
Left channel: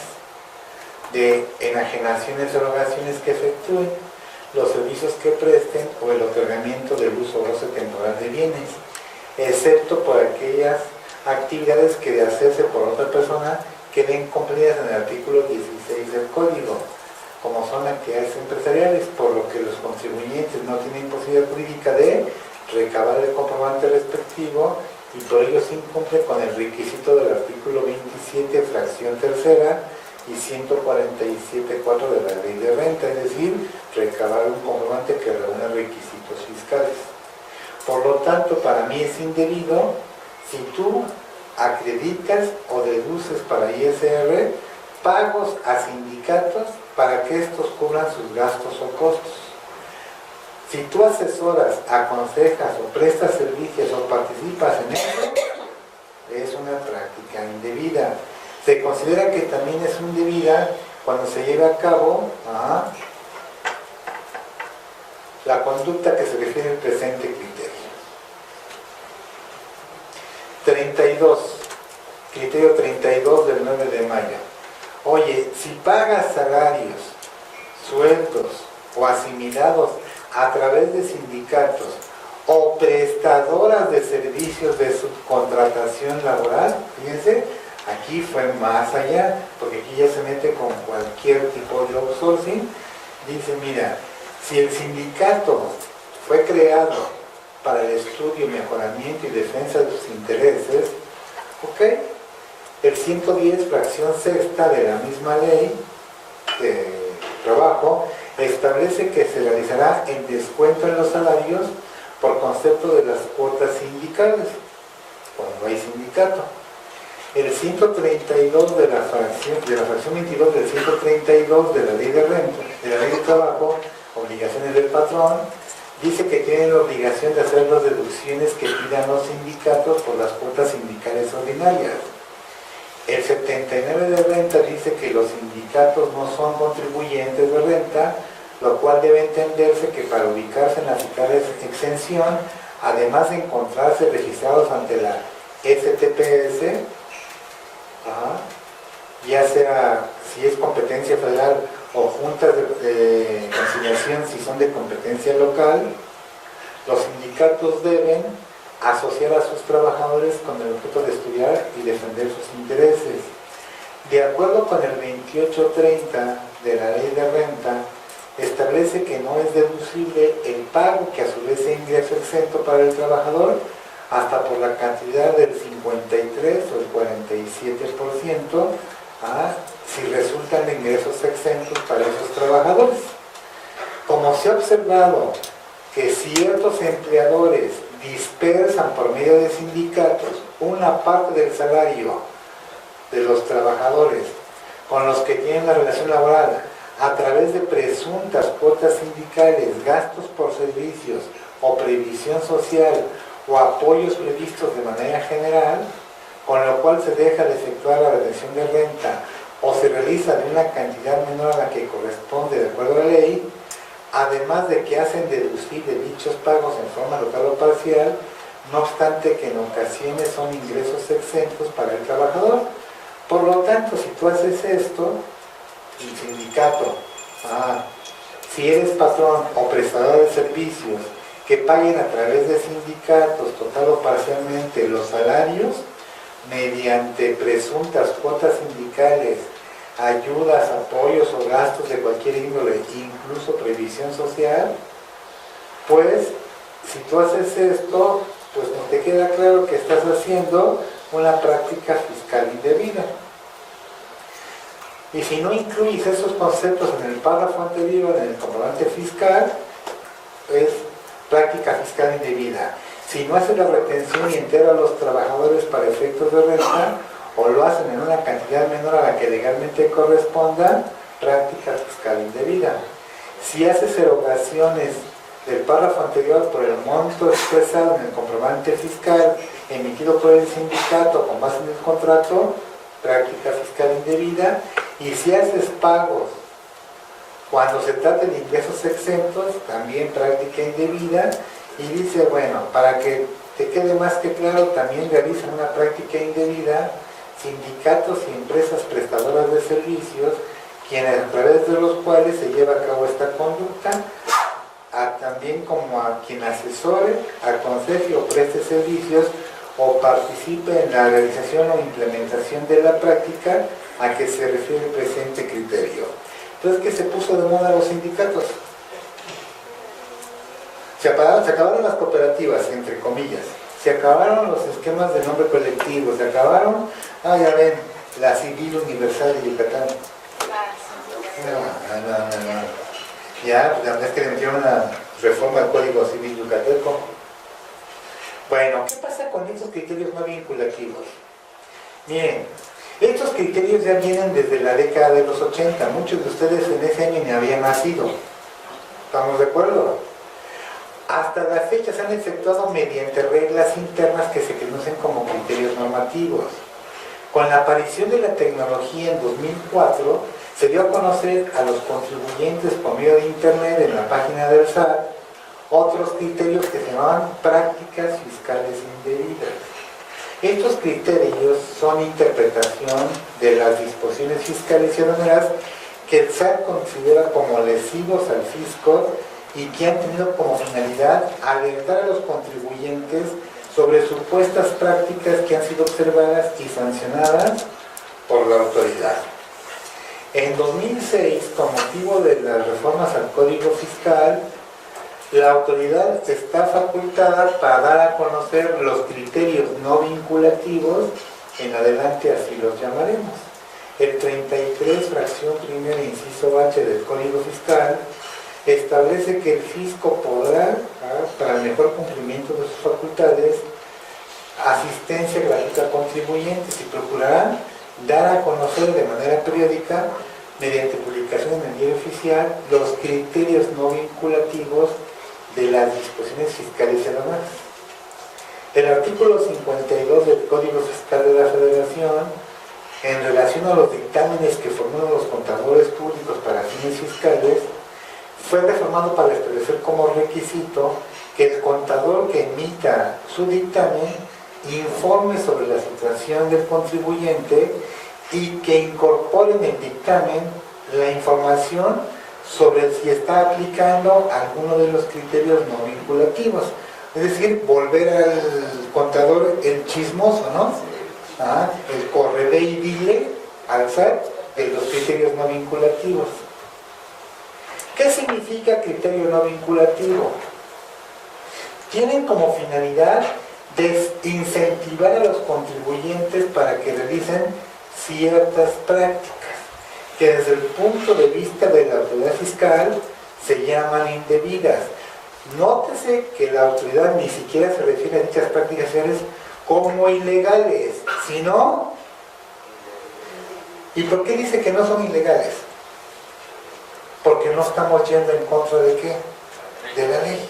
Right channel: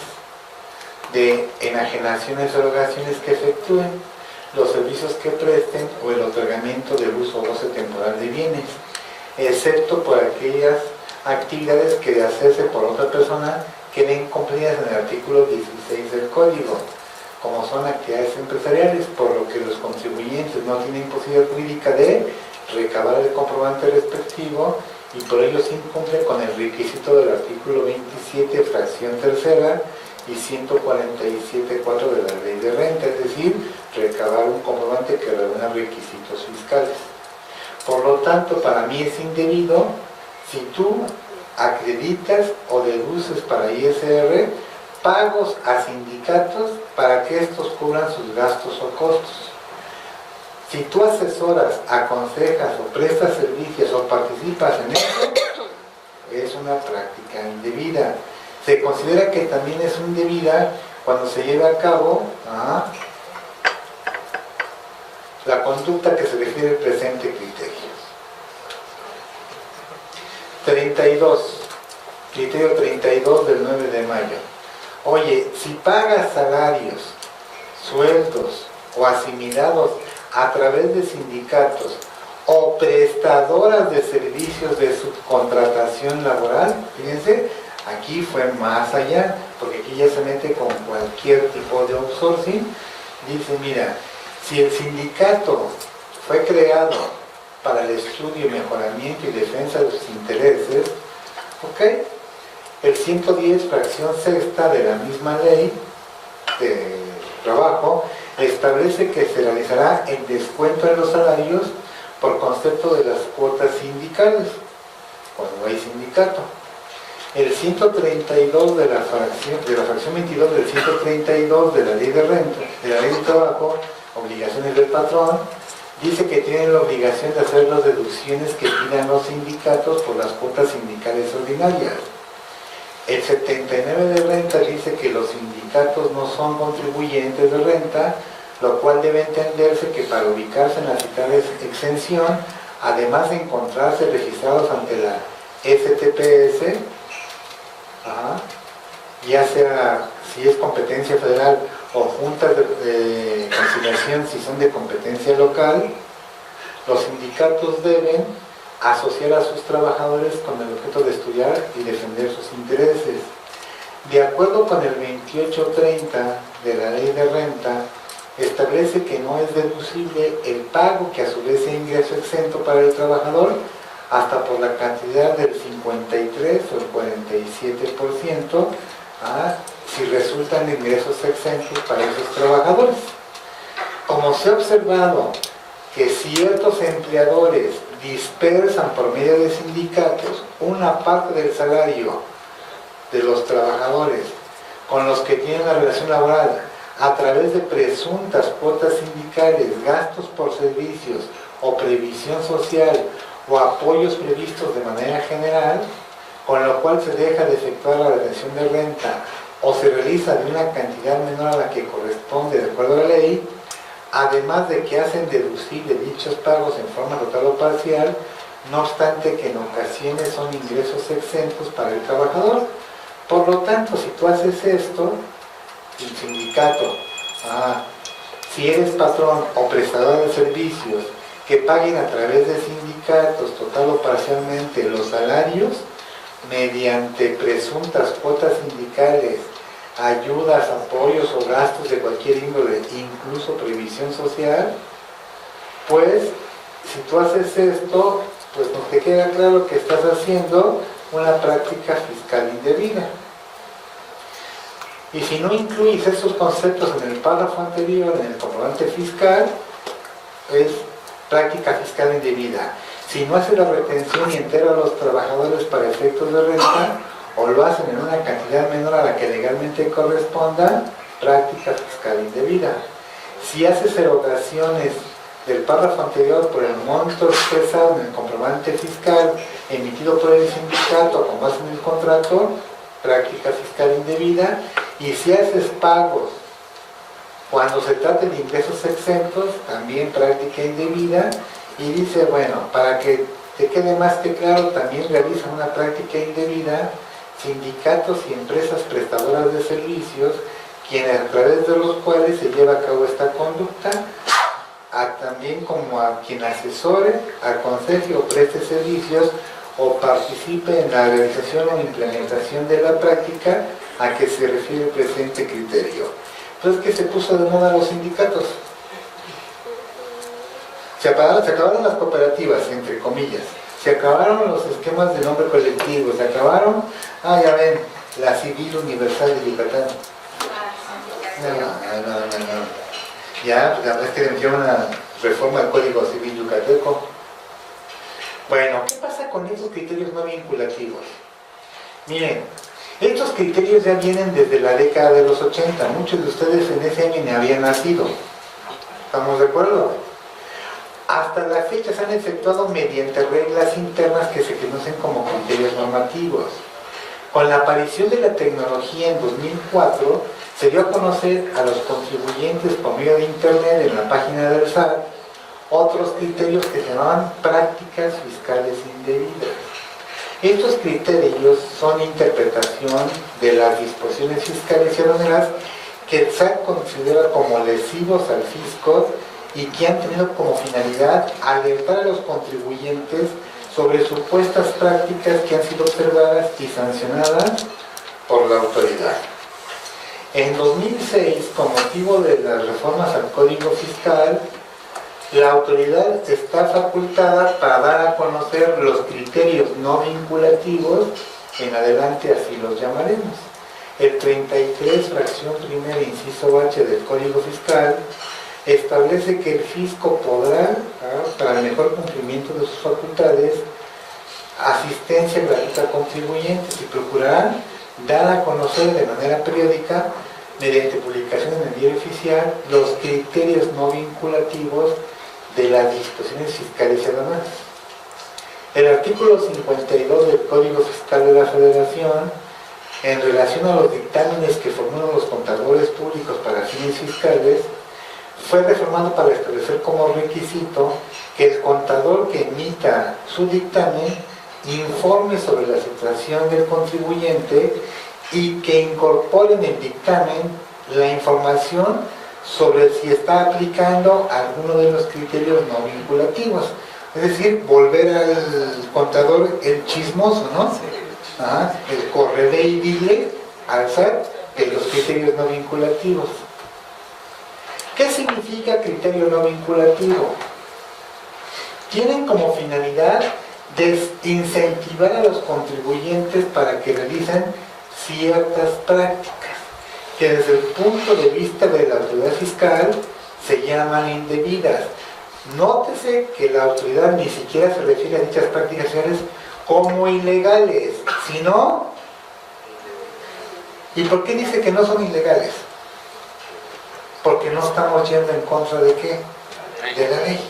de enajenaciones o erogaciones que efectúen, los servicios que presten o el otorgamiento del uso o goce temporal de bienes, excepto por aquellas actividades que de hacerse por otra persona queden comprendidas en el artículo 16 del Código, como son actividades empresariales, por lo que los contribuyentes no tienen posibilidad jurídica de recabar el comprobante respectivo y por ello se incumple con el requisito del artículo 27, fracción tercera y 147.4 de la Ley de Renta, es decir, recabar un comprobante que reúna requisitos fiscales. Por lo tanto, para mí es indebido si tú acreditas o deduces para ISR pagos a sindicatos para que estos cubran sus gastos o costos. Si tú asesoras, aconsejas o prestas servicios o participas en esto, es una práctica indebida. Se considera que también es indebida cuando se lleva a cabo la conducta que se refiere al presente criterio. 32. Criterio 32 del 9 de mayo. Oye, si pagas salarios, sueldos o asimilados a través de sindicatos o prestadoras de servicios de subcontratación laboral, fíjense, aquí fue más allá, porque aquí ya se mete con cualquier tipo de outsourcing. Dice, mira, si el sindicato fue creado para el estudio, mejoramiento y defensa de sus intereses, ¿ok? El 110, fracción sexta de la misma ley de trabajo, establece que se realizará el descuento en los salarios por concepto de las cuotas sindicales, cuando hay sindicato. El 132 de la fracción 22 del 132 de la Ley de Renta, de la Ley de Trabajo, obligaciones del patrón, dice que tienen la obligación de hacer las deducciones que pidan los sindicatos por las cuotas sindicales ordinarias. El 79 de renta dice que los sindicatos no son contribuyentes de renta, lo cual debe entenderse que para ubicarse en la citada exención, además de encontrarse registrados ante la STPS, ya sea si es competencia federal o juntas de conciliación si son de competencia local, los sindicatos deben asociar a sus trabajadores con el objeto de estudiar y defender sus intereses. De acuerdo con el 2830 de la Ley de Renta, establece que no es deducible el pago que a su vez sea ingreso exento para el trabajador hasta por la cantidad del 53 o el 47% si resultan de ingresos exentos para esos trabajadores. Como se ha observado que ciertos empleadores dispersan por medio de sindicatos una parte del salario de los trabajadores con los que tienen la relación laboral a través de presuntas cuotas sindicales, gastos por servicios o previsión social o apoyos previstos de manera general, con lo cual se deja de efectuar la retención de renta o se realiza de una cantidad menor a la que corresponde de acuerdo a la ley, además de que hacen deducible dichos pagos en forma total o parcial, no obstante que en ocasiones son ingresos exentos para el trabajador. Por lo tanto, si tú haces esto, el sindicato, si eres patrón o prestador de servicios que paguen a través de sindicatos total o parcialmente los salarios mediante presuntas cuotas sindicales, ayudas, apoyos o gastos de cualquier índole, incluso previsión social, pues si tú haces esto, pues no te queda claro que estás haciendo una práctica fiscal indebida. Y si no incluyes esos conceptos en el párrafo anterior, en el comprobante fiscal, es práctica fiscal indebida. Si no hace la retención y entera a los trabajadores para efectos de renta, o lo hacen en una cantidad menor a la que legalmente corresponda, práctica fiscal indebida. Si haces erogaciones del párrafo anterior por el monto expresado en el comprobante fiscal emitido por el sindicato con base en el contrato, práctica fiscal indebida. Y si haces pagos Cuando se trata de ingresos exentos, también práctica indebida, y dice, bueno, para que te quede más que claro, también realizan una práctica indebida sindicatos y empresas prestadoras de servicios, quienes a través de los cuales se lleva a cabo esta conducta, también como a quien asesore, aconseje o preste servicios o participe en la realización o implementación de la práctica a que se refiere el presente criterio. Entonces, ¿qué se puso de moda los sindicatos? Se acabaron las cooperativas, entre comillas, se acabaron los esquemas de nombre colectivo, se acabaron, ya ven, la Civil Universal de Yucatán. Ya es que le metieron una reforma al Código Civil yucateco. Bueno, ¿qué pasa con esos criterios no vinculativos? Miren, estos criterios ya vienen desde la década de los 80. Muchos de ustedes en ese año ni habían nacido. ¿Estamos de acuerdo? Hasta la fecha se han efectuado mediante reglas internas que se conocen como criterios normativos. Con la aparición de la tecnología en 2004, se dio a conocer a los contribuyentes por medio de Internet en la página del SAT otros criterios que se llamaban prácticas fiscales indebidas. Estos criterios son interpretación de las disposiciones fiscales y aduaneras que el SAT considera como lesivos al fisco y que han tenido como finalidad alertar a los contribuyentes sobre supuestas prácticas que han sido observadas y sancionadas por la autoridad. En 2006, con motivo de las reformas al Código Fiscal, la autoridad está facultada para dar a conocer los criterios no vinculativos, en adelante así los llamaremos. El 33, fracción primera, inciso H del Código Fiscal, establece que el fisco podrá, para el mejor cumplimiento de sus facultades, asistencia gratuita a contribuyentes y procurará dar a conocer de manera periódica, mediante publicación en el diario oficial, los criterios no vinculativos de las disposiciones fiscales y aduaneras. El artículo 52 del Código Fiscal de la Federación, en relación a los dictámenes que formulan los contadores públicos para fines fiscales, fue reformado para establecer como requisito que el contador que emita su dictamen informe sobre la situación del contribuyente y que incorpore en el dictamen la información sobre si está aplicando alguno de los criterios no vinculativos. Es decir, volver al contador el chismoso, ¿no? El correve y dile al SAT de los criterios no vinculativos. ¿Qué significa criterio no vinculativo? Tienen como finalidad desincentivar a los contribuyentes para que realicen ciertas prácticas que desde el punto de vista de la autoridad fiscal se llaman indebidas. Nótese que la autoridad ni siquiera se refiere a dichas prácticas como ilegales, sino... ¿Y por qué dice que no son ilegales? Porque no estamos yendo en contra de ¿qué? De la ley.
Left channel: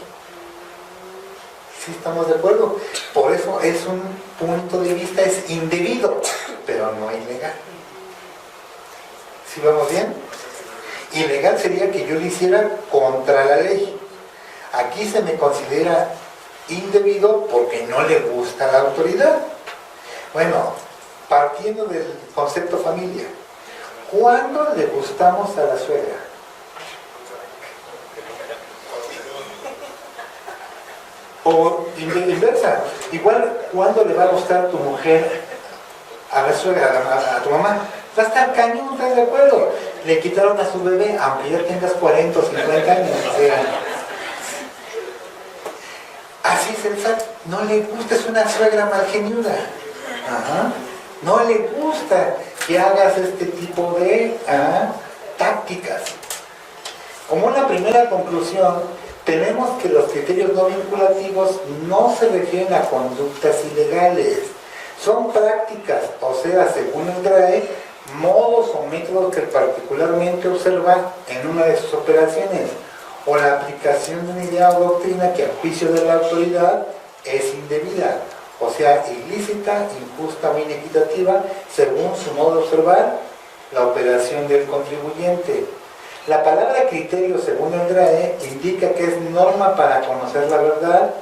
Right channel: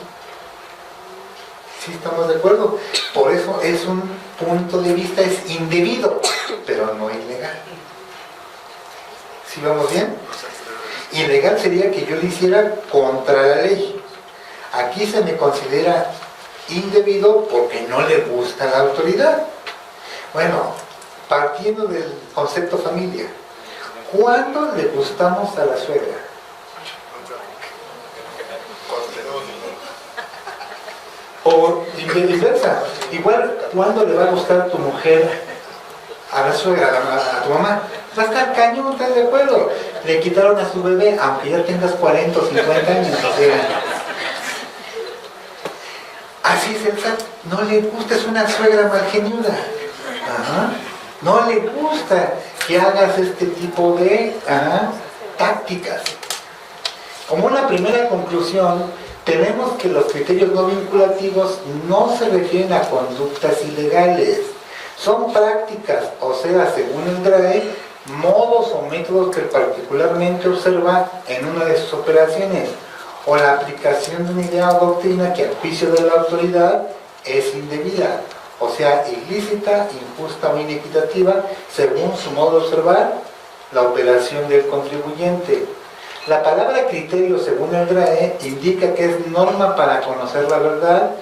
¿Sí estamos de acuerdo? Por eso es un punto de vista, es indebido, pero no ilegal. ¿Sí vamos bien? Ilegal sería que yo lo hiciera contra la ley. Aquí se me considera indebido porque no le gusta a la autoridad. Bueno, partiendo del concepto familia, ¿cuándo le gustamos a la suegra? O inversa, igual, ¿cuándo le va a gustar tu mujer a la suegra, a tu mamá? Va a estar cañón, ¿estás de acuerdo? Le quitaron a su bebé, aunque ya tengas 40 o 50 años, o sea. Así es el SAT, no le gusta, es una suegra malgeniuda. No le gusta que hagas este tipo de tácticas. Como una primera conclusión, tenemos que los criterios no vinculativos no se refieren a conductas ilegales. Son prácticas, o sea, según el DRAE, modos o métodos que particularmente observa en una de sus operaciones, o la aplicación de una idea o doctrina que a juicio de la autoridad es indebida, o sea, ilícita, injusta o inequitativa, según su modo de observar la operación del contribuyente. La palabra criterio, según el DRAE, indica que es norma para conocer la verdad,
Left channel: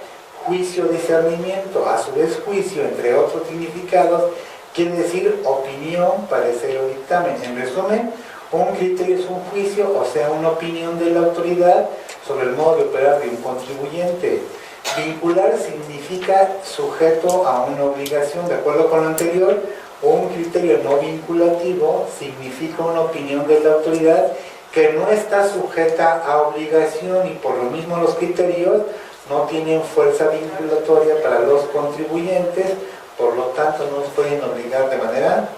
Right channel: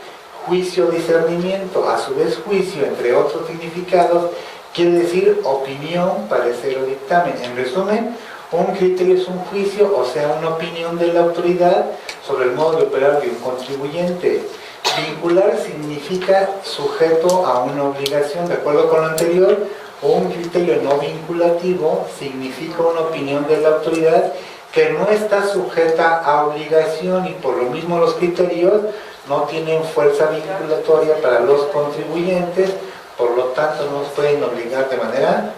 juicio, discernimiento. A su vez, juicio, entre otros significados, quiere decir opinión, parecer o dictamen. En resumen, un criterio es un juicio, o sea, una opinión de la autoridad sobre el modo de operar de un contribuyente. Vincular significa sujeto a una obligación. De acuerdo con lo anterior, un criterio no vinculativo significa una opinión de la autoridad que no está sujeta a obligación, y por lo mismo los criterios no tienen fuerza vinculatoria para los contribuyentes, por lo tanto no nos pueden obligar de manera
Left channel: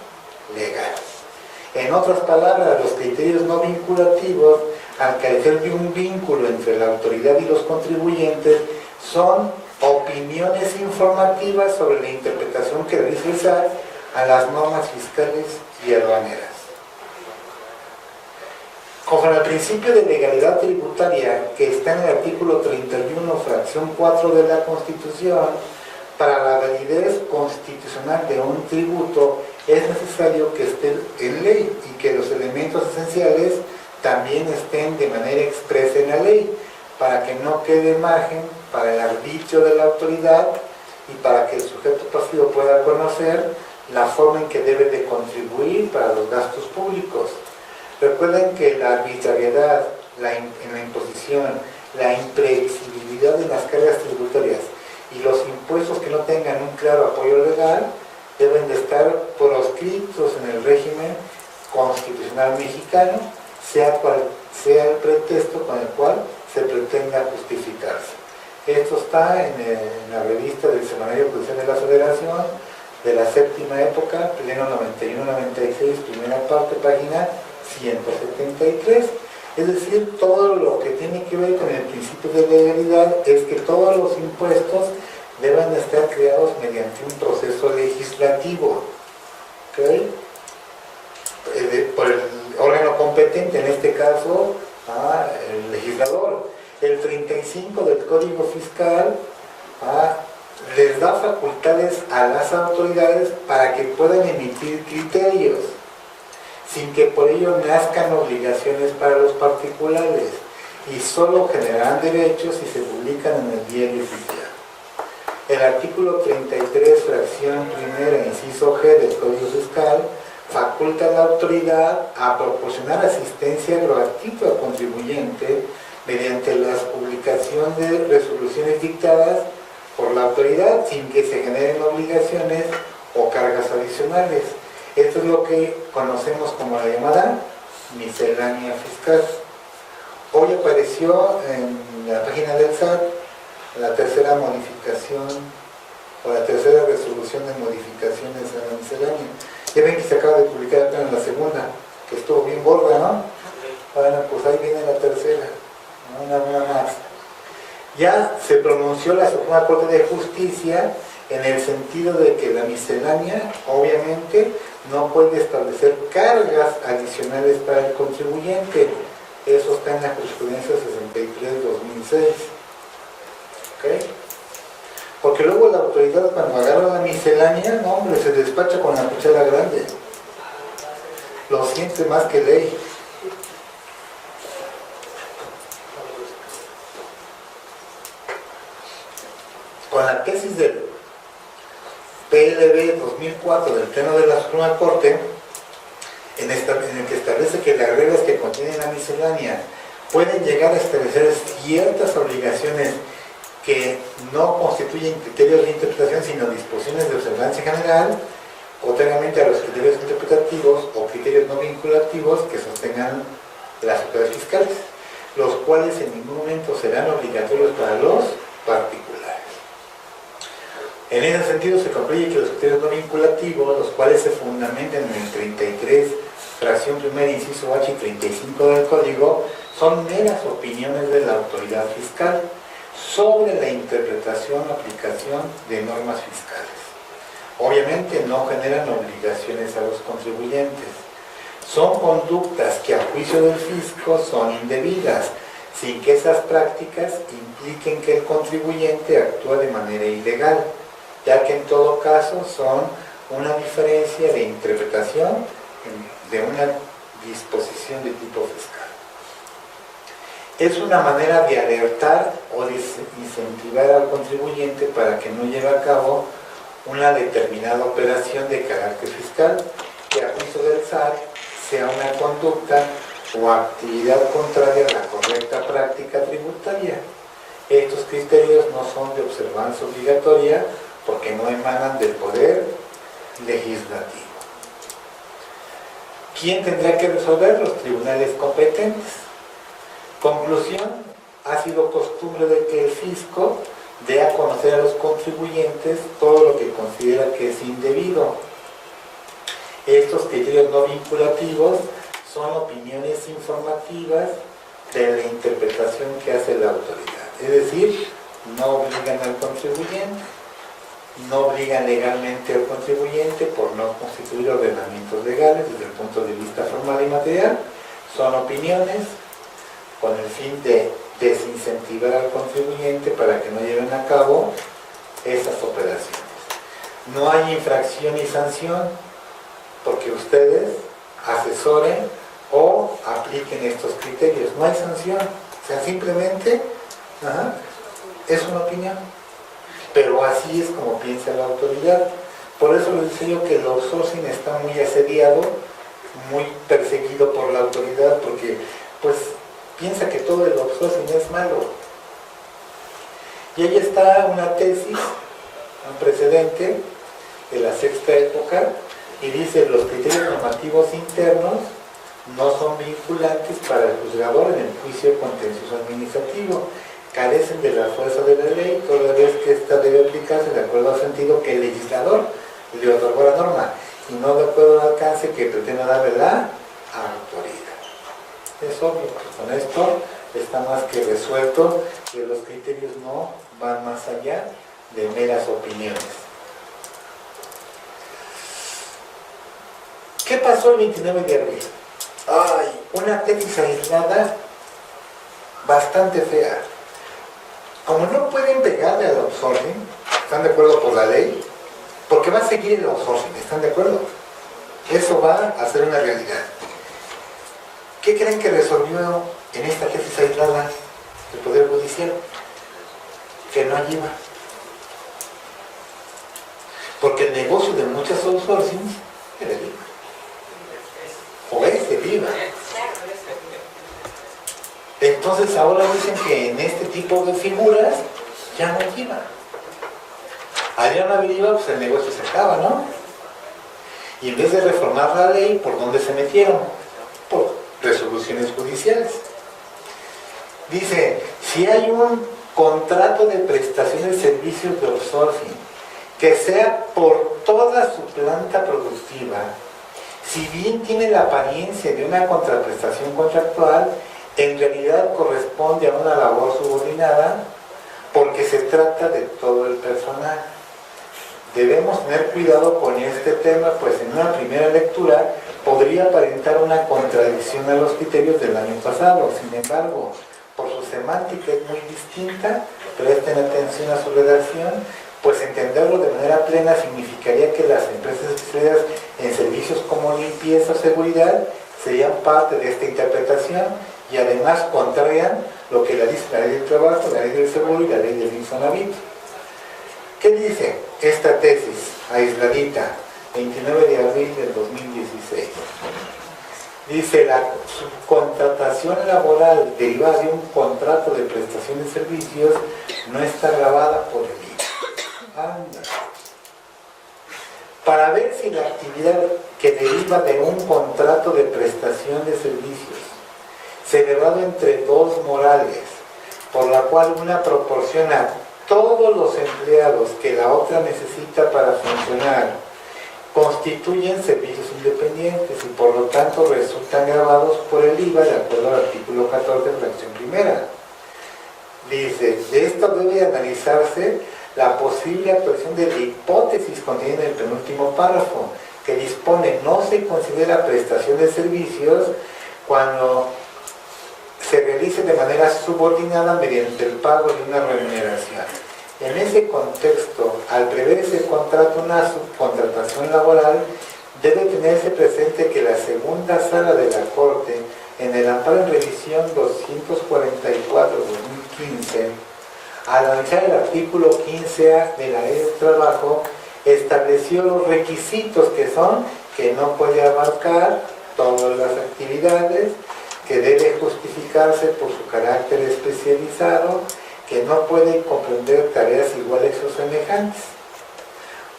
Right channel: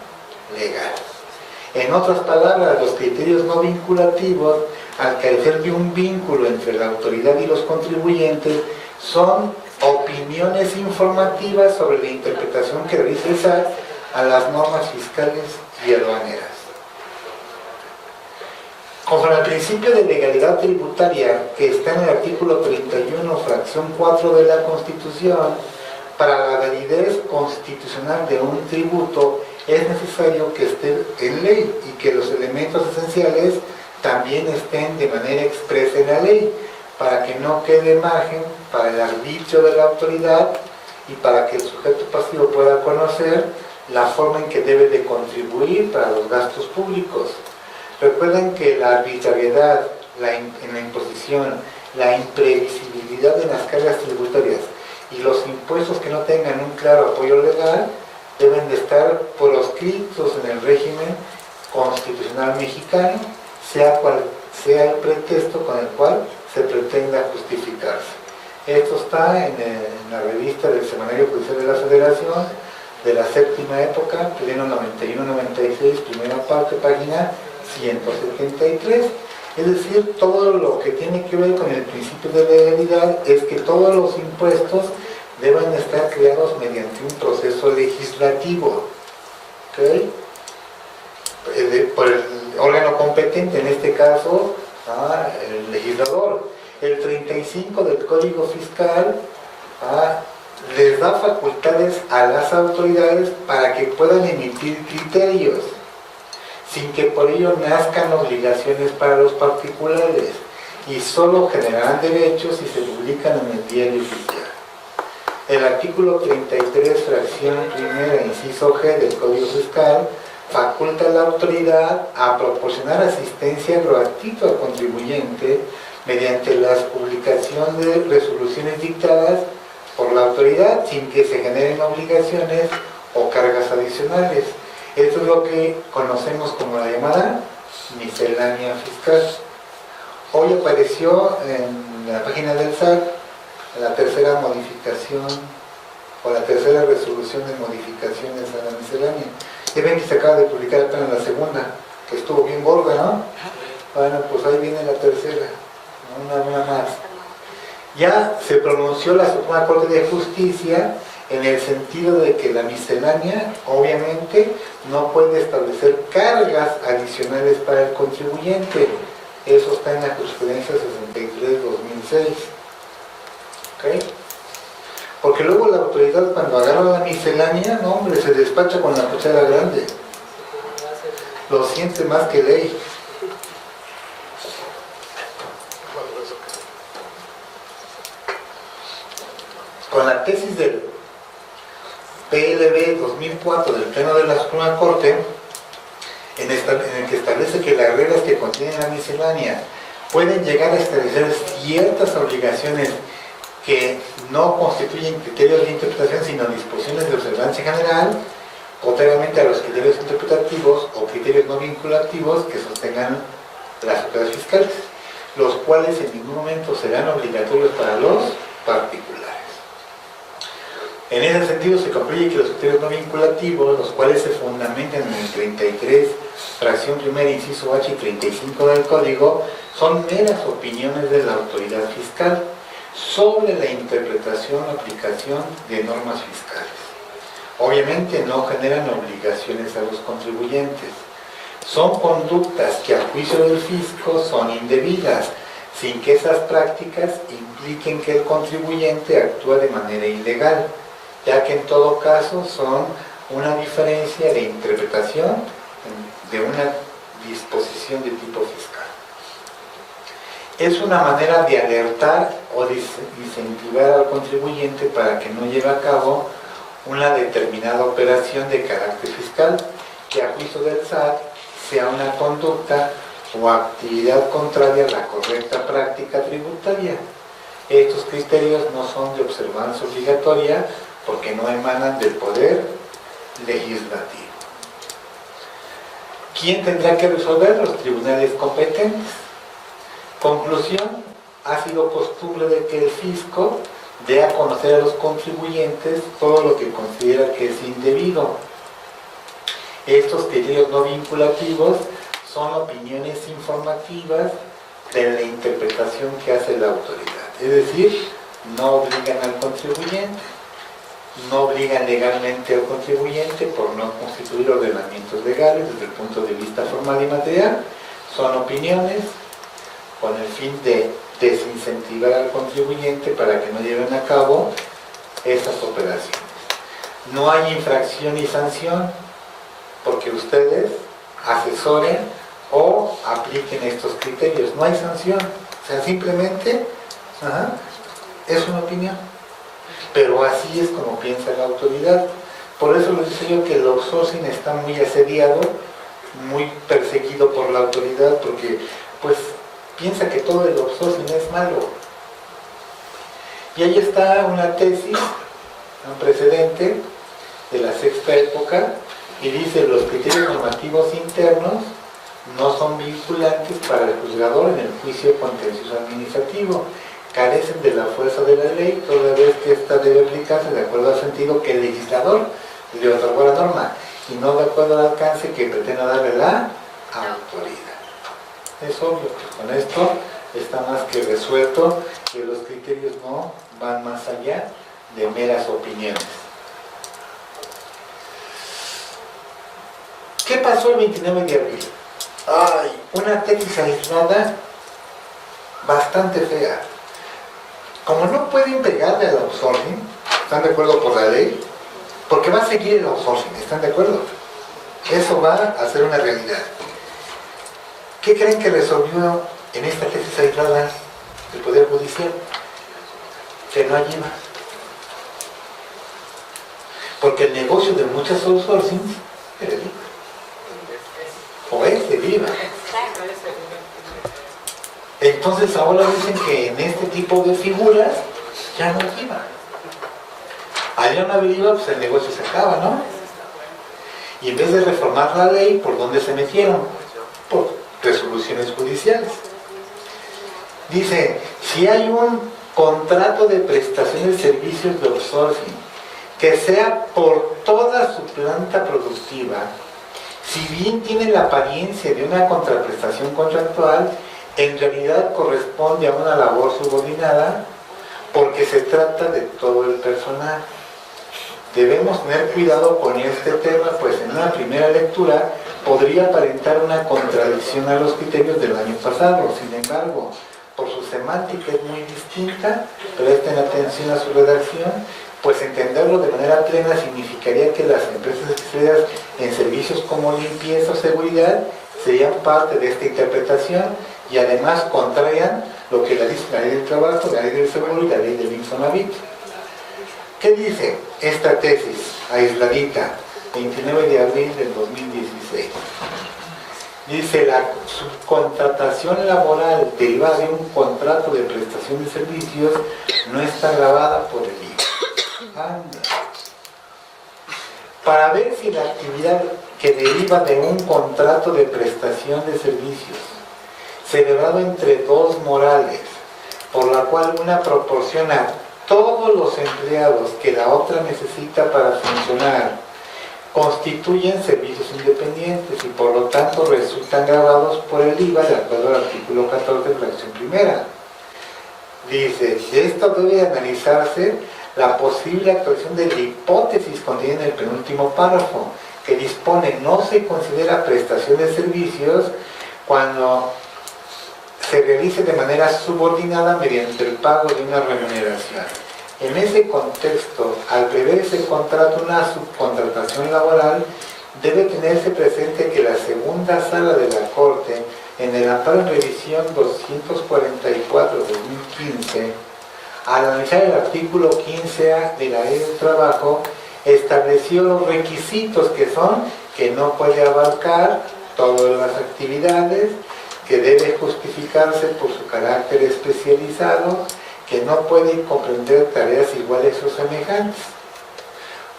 legal. En otras palabras, los criterios no vinculativos, al carecer de un vínculo entre la autoridad y los contribuyentes, son opiniones informativas sobre la interpretación que realiza el SAT a las normas fiscales y aduaneras. Conforme al principio de legalidad tributaria que está en el artículo 31, fracción 4 de la Constitución, para la validez constitucional de un tributo es necesario que esté en ley y que los elementos esenciales también estén de manera expresa en la ley, para que no quede margen para el arbitrio de la autoridad y para que el sujeto pasivo pueda conocer la forma en que debe de contribuir para los gastos públicos. Recuerden que la arbitrariedad en la imposición, la imprevisibilidad en las cargas tributarias y los impuestos que no tengan un claro apoyo legal deben de estar proscritos en el régimen constitucional mexicano, sea cual sea el pretexto con el cual se pretenda justificarse. Esto está en la revista del Semanario Judicial de la Federación de la séptima época, pleno 91-96, primera parte, página 173. Es decir, todo lo que tiene que ver con el principio de legalidad es que todos los impuestos deben de estar creados mediante un proceso legislativo, ¿okay? Por el órgano competente, en este caso, el legislador. El 35 del Código Fiscal les da facultades a las autoridades para que puedan emitir criterios, sin que por ello nazcan obligaciones para los particulares, y solo generarán derechos si se publican en el diario oficial. El artículo 33, fracción primera, inciso G del Código Fiscal, faculta a la autoridad a proporcionar asistencia proactiva al contribuyente mediante la publicación de resoluciones dictadas por la autoridad sin que se generen obligaciones o cargas adicionales. Esto es lo que conocemos como la llamada miscelánea fiscal. Hoy apareció en la página del SAT la tercera modificación o la tercera resolución de modificaciones a la miscelánea. Ya ven que se acaba de publicar apenas la segunda, que estuvo bien gorda, ¿no? Bueno, pues ahí viene la tercera, una más. Ya se pronunció la Suprema Corte de Justicia en el sentido de que la miscelánea obviamente no puede establecer cargas adicionales para el contribuyente. Eso está en la jurisprudencia 63-2006. ¿Okay? Porque luego la autoridad, cuando agarra la miscelánea, no hombre, se despacha con la cuchara grande. Lo siente más que ley. Con la tesis del PLB 2004 del Pleno de la Suprema Corte, en el que establece que las reglas que contienen la miscelánea pueden llegar a establecer ciertas obligaciones que no constituyen criterios de interpretación, sino disposiciones de observancia general, contrariamente a los criterios interpretativos o criterios no vinculativos que sostengan las autoridades fiscales, los cuales en ningún momento serán obligatorios para los particulares. En ese sentido se concluye que los criterios no vinculativos, los cuales se fundamentan en el 33, fracción primera, inciso H y 35 del Código, son meras opiniones de la autoridad fiscal sobre la interpretación o aplicación de normas fiscales. Obviamente no generan obligaciones a los contribuyentes. Son conductas que a juicio del fisco son indebidas, sin que esas prácticas impliquen que el contribuyente actúa de manera ilegal, ya que en todo caso son una diferencia de interpretación de una disposición de tipo fiscal. es una manera de alertar o de incentivar al contribuyente para que no lleve a cabo una determinada operación de carácter fiscal, que a juicio del SAT sea una conducta o actividad contraria a la correcta práctica tributaria. Estos criterios no son de observancia obligatoria porque no emanan del poder legislativo. ¿Quién tendrá que resolver? Los tribunales competentes. Conclusión: ha sido costumbre de que el fisco dé a conocer a los contribuyentes todo lo que considera que es indebido. Estos criterios no vinculativos son opiniones informativas de la interpretación que hace la autoridad. Es decir, no obligan al contribuyente, no obligan legalmente al contribuyente por no constituir ordenamientos legales desde el punto de vista formal y material. Son opiniones con el fin de desincentivar al contribuyente para que no lleven a cabo esas operaciones. No hay infracción ni sanción porque ustedes asesoren o apliquen estos criterios. No hay sanción, o sea, simplemente es una opinión. Pero así es como piensa la autoridad. Por eso les decía yo que el outsourcing está muy asediado, muy perseguido por la autoridad, porque pues piensa que todo el outsourcing es malo. Y ahí está una tesis, un precedente de la sexta época, y dice: los criterios normativos internos no son vinculantes para el juzgador en el juicio contencioso administrativo, carecen de la fuerza de la ley, toda vez que ésta debe aplicarse de acuerdo al sentido que el legislador le otorgó a la norma, y no de acuerdo al alcance que pretenda darle la autoridad. Es obvio que con esto está más que resuelto que los criterios no van más allá de meras opiniones. ¿Qué pasó el 29 de abril? Una tesis aislada bastante fea. Como no pueden pegarle al outsourcing, ¿están de acuerdo por la ley? Porque va a seguir el outsourcing, ¿están de acuerdo? Eso va a ser una realidad. ¿Qué creen que resolvió en esta tesis aislada el Poder Judicial? Que no hay IVA. Porque el negocio de muchas outsourcings era el IVA. O es el IVA. Entonces ahora dicen que en este tipo de figuras ya no hay IVA. Al no haber IVA, pues el negocio se acaba, ¿no? Y en vez de reformar la ley, ¿por dónde se metieron? Por resoluciones judiciales. Dice: si hay un contrato de prestación de servicios de outsourcing que sea por toda su planta productiva, si bien tiene la apariencia de una contraprestación contractual, en realidad corresponde a una labor subordinada porque se trata de todo el personal. Debemos tener cuidado con este tema, pues en una primera lectura podría aparentar una contradicción a los criterios del año pasado. Sin embargo, por su semántica es muy distinta, presten atención a su redacción, pues entenderlo de manera plena significaría que las empresas especializadas en servicios como limpieza o seguridad serían parte de esta interpretación y además contrarían lo que dice la ley del trabajo, la ley del seguro y la ley del Infonavit. ¿Qué dice esta tesis aisladita, 29 de abril del 2016? Dice: la subcontratación laboral derivada de un contrato de prestación de servicios no está gravada por el IVA. Anda. Para ver si la actividad que deriva de un contrato de prestación de servicios celebrado entre dos morales, por la cual una proporciona todos los empleados que la otra necesita para funcionar, constituyen servicios independientes y por lo tanto resultan gravados por el IVA de acuerdo al artículo 14, fracción primera. Dice: de esto debe analizarse la posible actuación de la hipótesis contenida en el penúltimo párrafo, que dispone: no se considera prestación de servicios cuando se realice de manera subordinada mediante el pago de una remuneración. En ese contexto, al prever ese contrato una subcontratación laboral, debe tenerse presente que la segunda sala de la Corte en el amparo en revisión 244/2015, al analizar el artículo 15A de la Ley del Trabajo, estableció los requisitos que son que no puede abarcar todas las actividades, que debe justificarse por su carácter especializado, que no puede comprender tareas iguales o semejantes.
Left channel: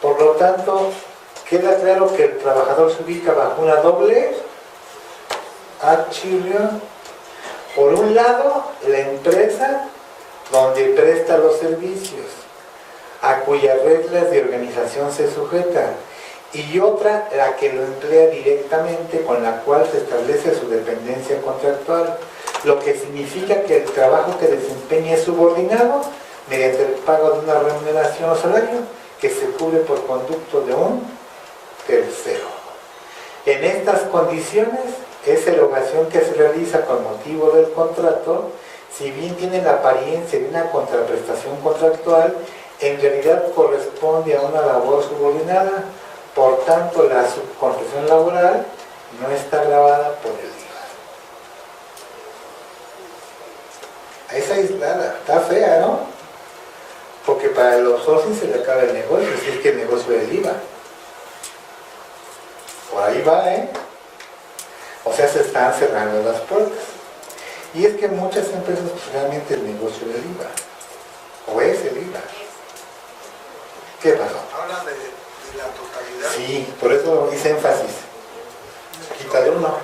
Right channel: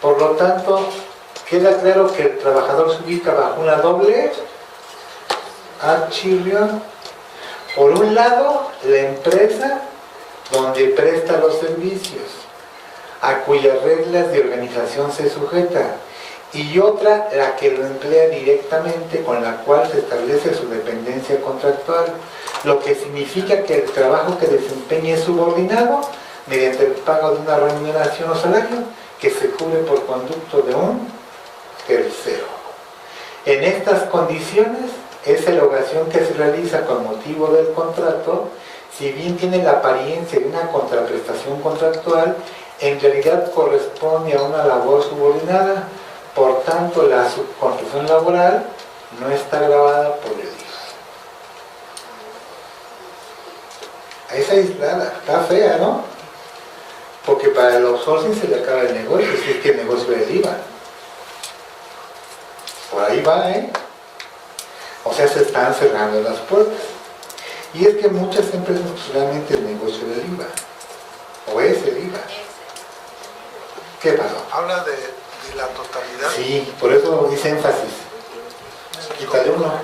Por lo tanto, queda claro que el trabajador se ubica bajo una doble archivo. Por un lado, la empresa donde presta los servicios, a cuyas reglas de organización se sujeta, y otra, la que lo emplea directamente, con la cual se establece su dependencia contractual, lo que significa que el trabajo que desempeña es subordinado mediante el pago de una remuneración o salario que se cubre por conducto de un tercero. En estas condiciones, esa erogación que se realiza con motivo del contrato, si bien tiene la apariencia de una contraprestación contractual, en realidad corresponde a una labor subordinada. Por tanto, la subcontratación laboral no está gravada por el IVA. Esa aislada, está fea, ¿no? Porque para el outsourcing se le acaba el negocio, si es que el negocio es el IVA. Por ahí va, ¿eh? O sea, se están cerrando las puertas. Y es que muchas empresas, pues realmente el negocio es el IVA. O es el IVA. ¿Qué pasó? Habla de la totalidad. Sí, por eso hice énfasis. Quítale uno.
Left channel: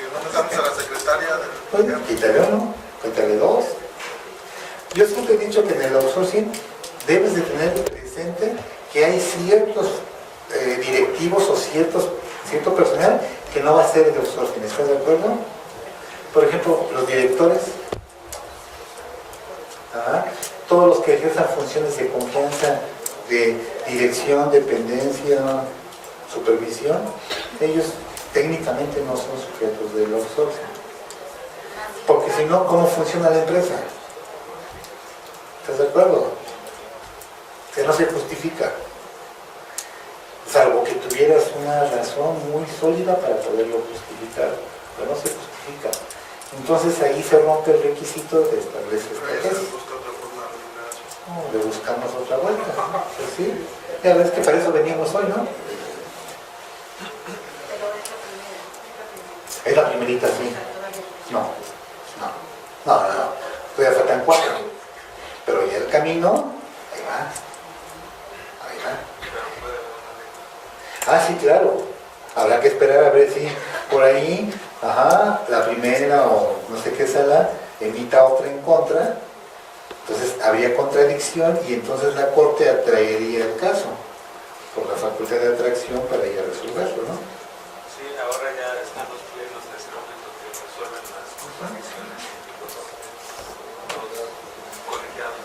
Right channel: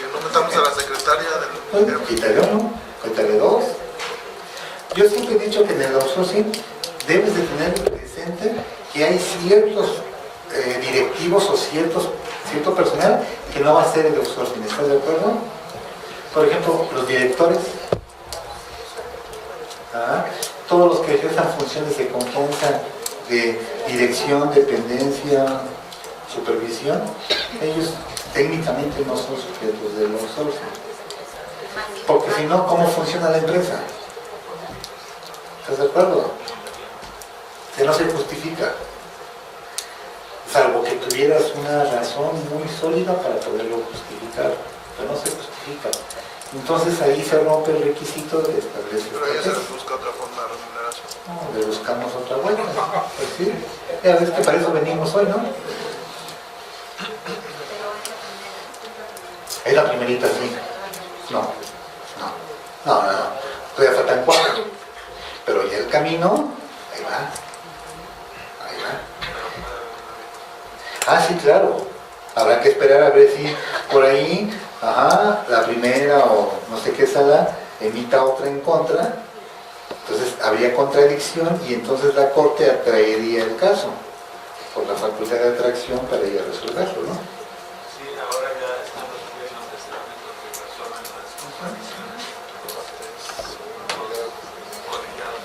Que no metamos a la secretaria del... Bueno, quítale uno, quítale dos. Yo siempre he dicho que en el outsourcing debes de tener presente que hay ciertos directivos o cierto personal que no va a ser el outsourcing. ¿Estás de acuerdo? Por ejemplo, los directores. Todos los que ejerzan funciones de confianza, de dirección, dependencia, supervisión, ellos técnicamente no son sujetos del outsourcing. Porque si no, ¿cómo funciona la empresa? ¿Estás de acuerdo? Que no se justifica. Salvo que tuvieras una razón muy sólida para poderlo justificar, pero no se justifica. Entonces ahí se rompe el requisito de establecer. Pero ya se busca otra forma de remuneración. No, le buscamos otra vuelta. Pues sí, ya ves que para eso venimos hoy, ¿no? Pero es la primera. Es la primerita, sí. No. Todavía faltan 4. Pero ya el camino, ahí va. Ah, sí, claro. Habrá que esperar a ver si por ahí, la primera o no sé qué sala emita otra en contra. Entonces habría contradicción y entonces la Corte atraería el caso por la facultad de atracción para ir a resolverlo, ¿no? Sí, ahora ya están los plenos de ese momento que resuelven las contradicciones de los colegiados.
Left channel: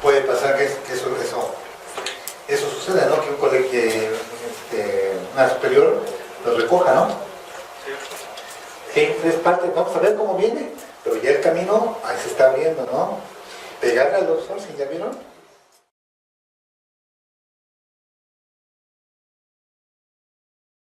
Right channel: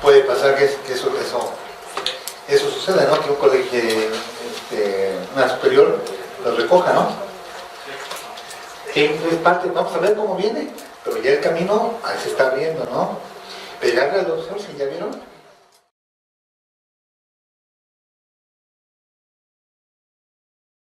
Puede pasar que eso suceda, ¿no? Que un colegio, una superior lo recoja, ¿no? Es parte, vamos a ver cómo viene, pero ya el camino se está abriendo, ¿no? Pegarle al outsourcing, ¿ya vieron?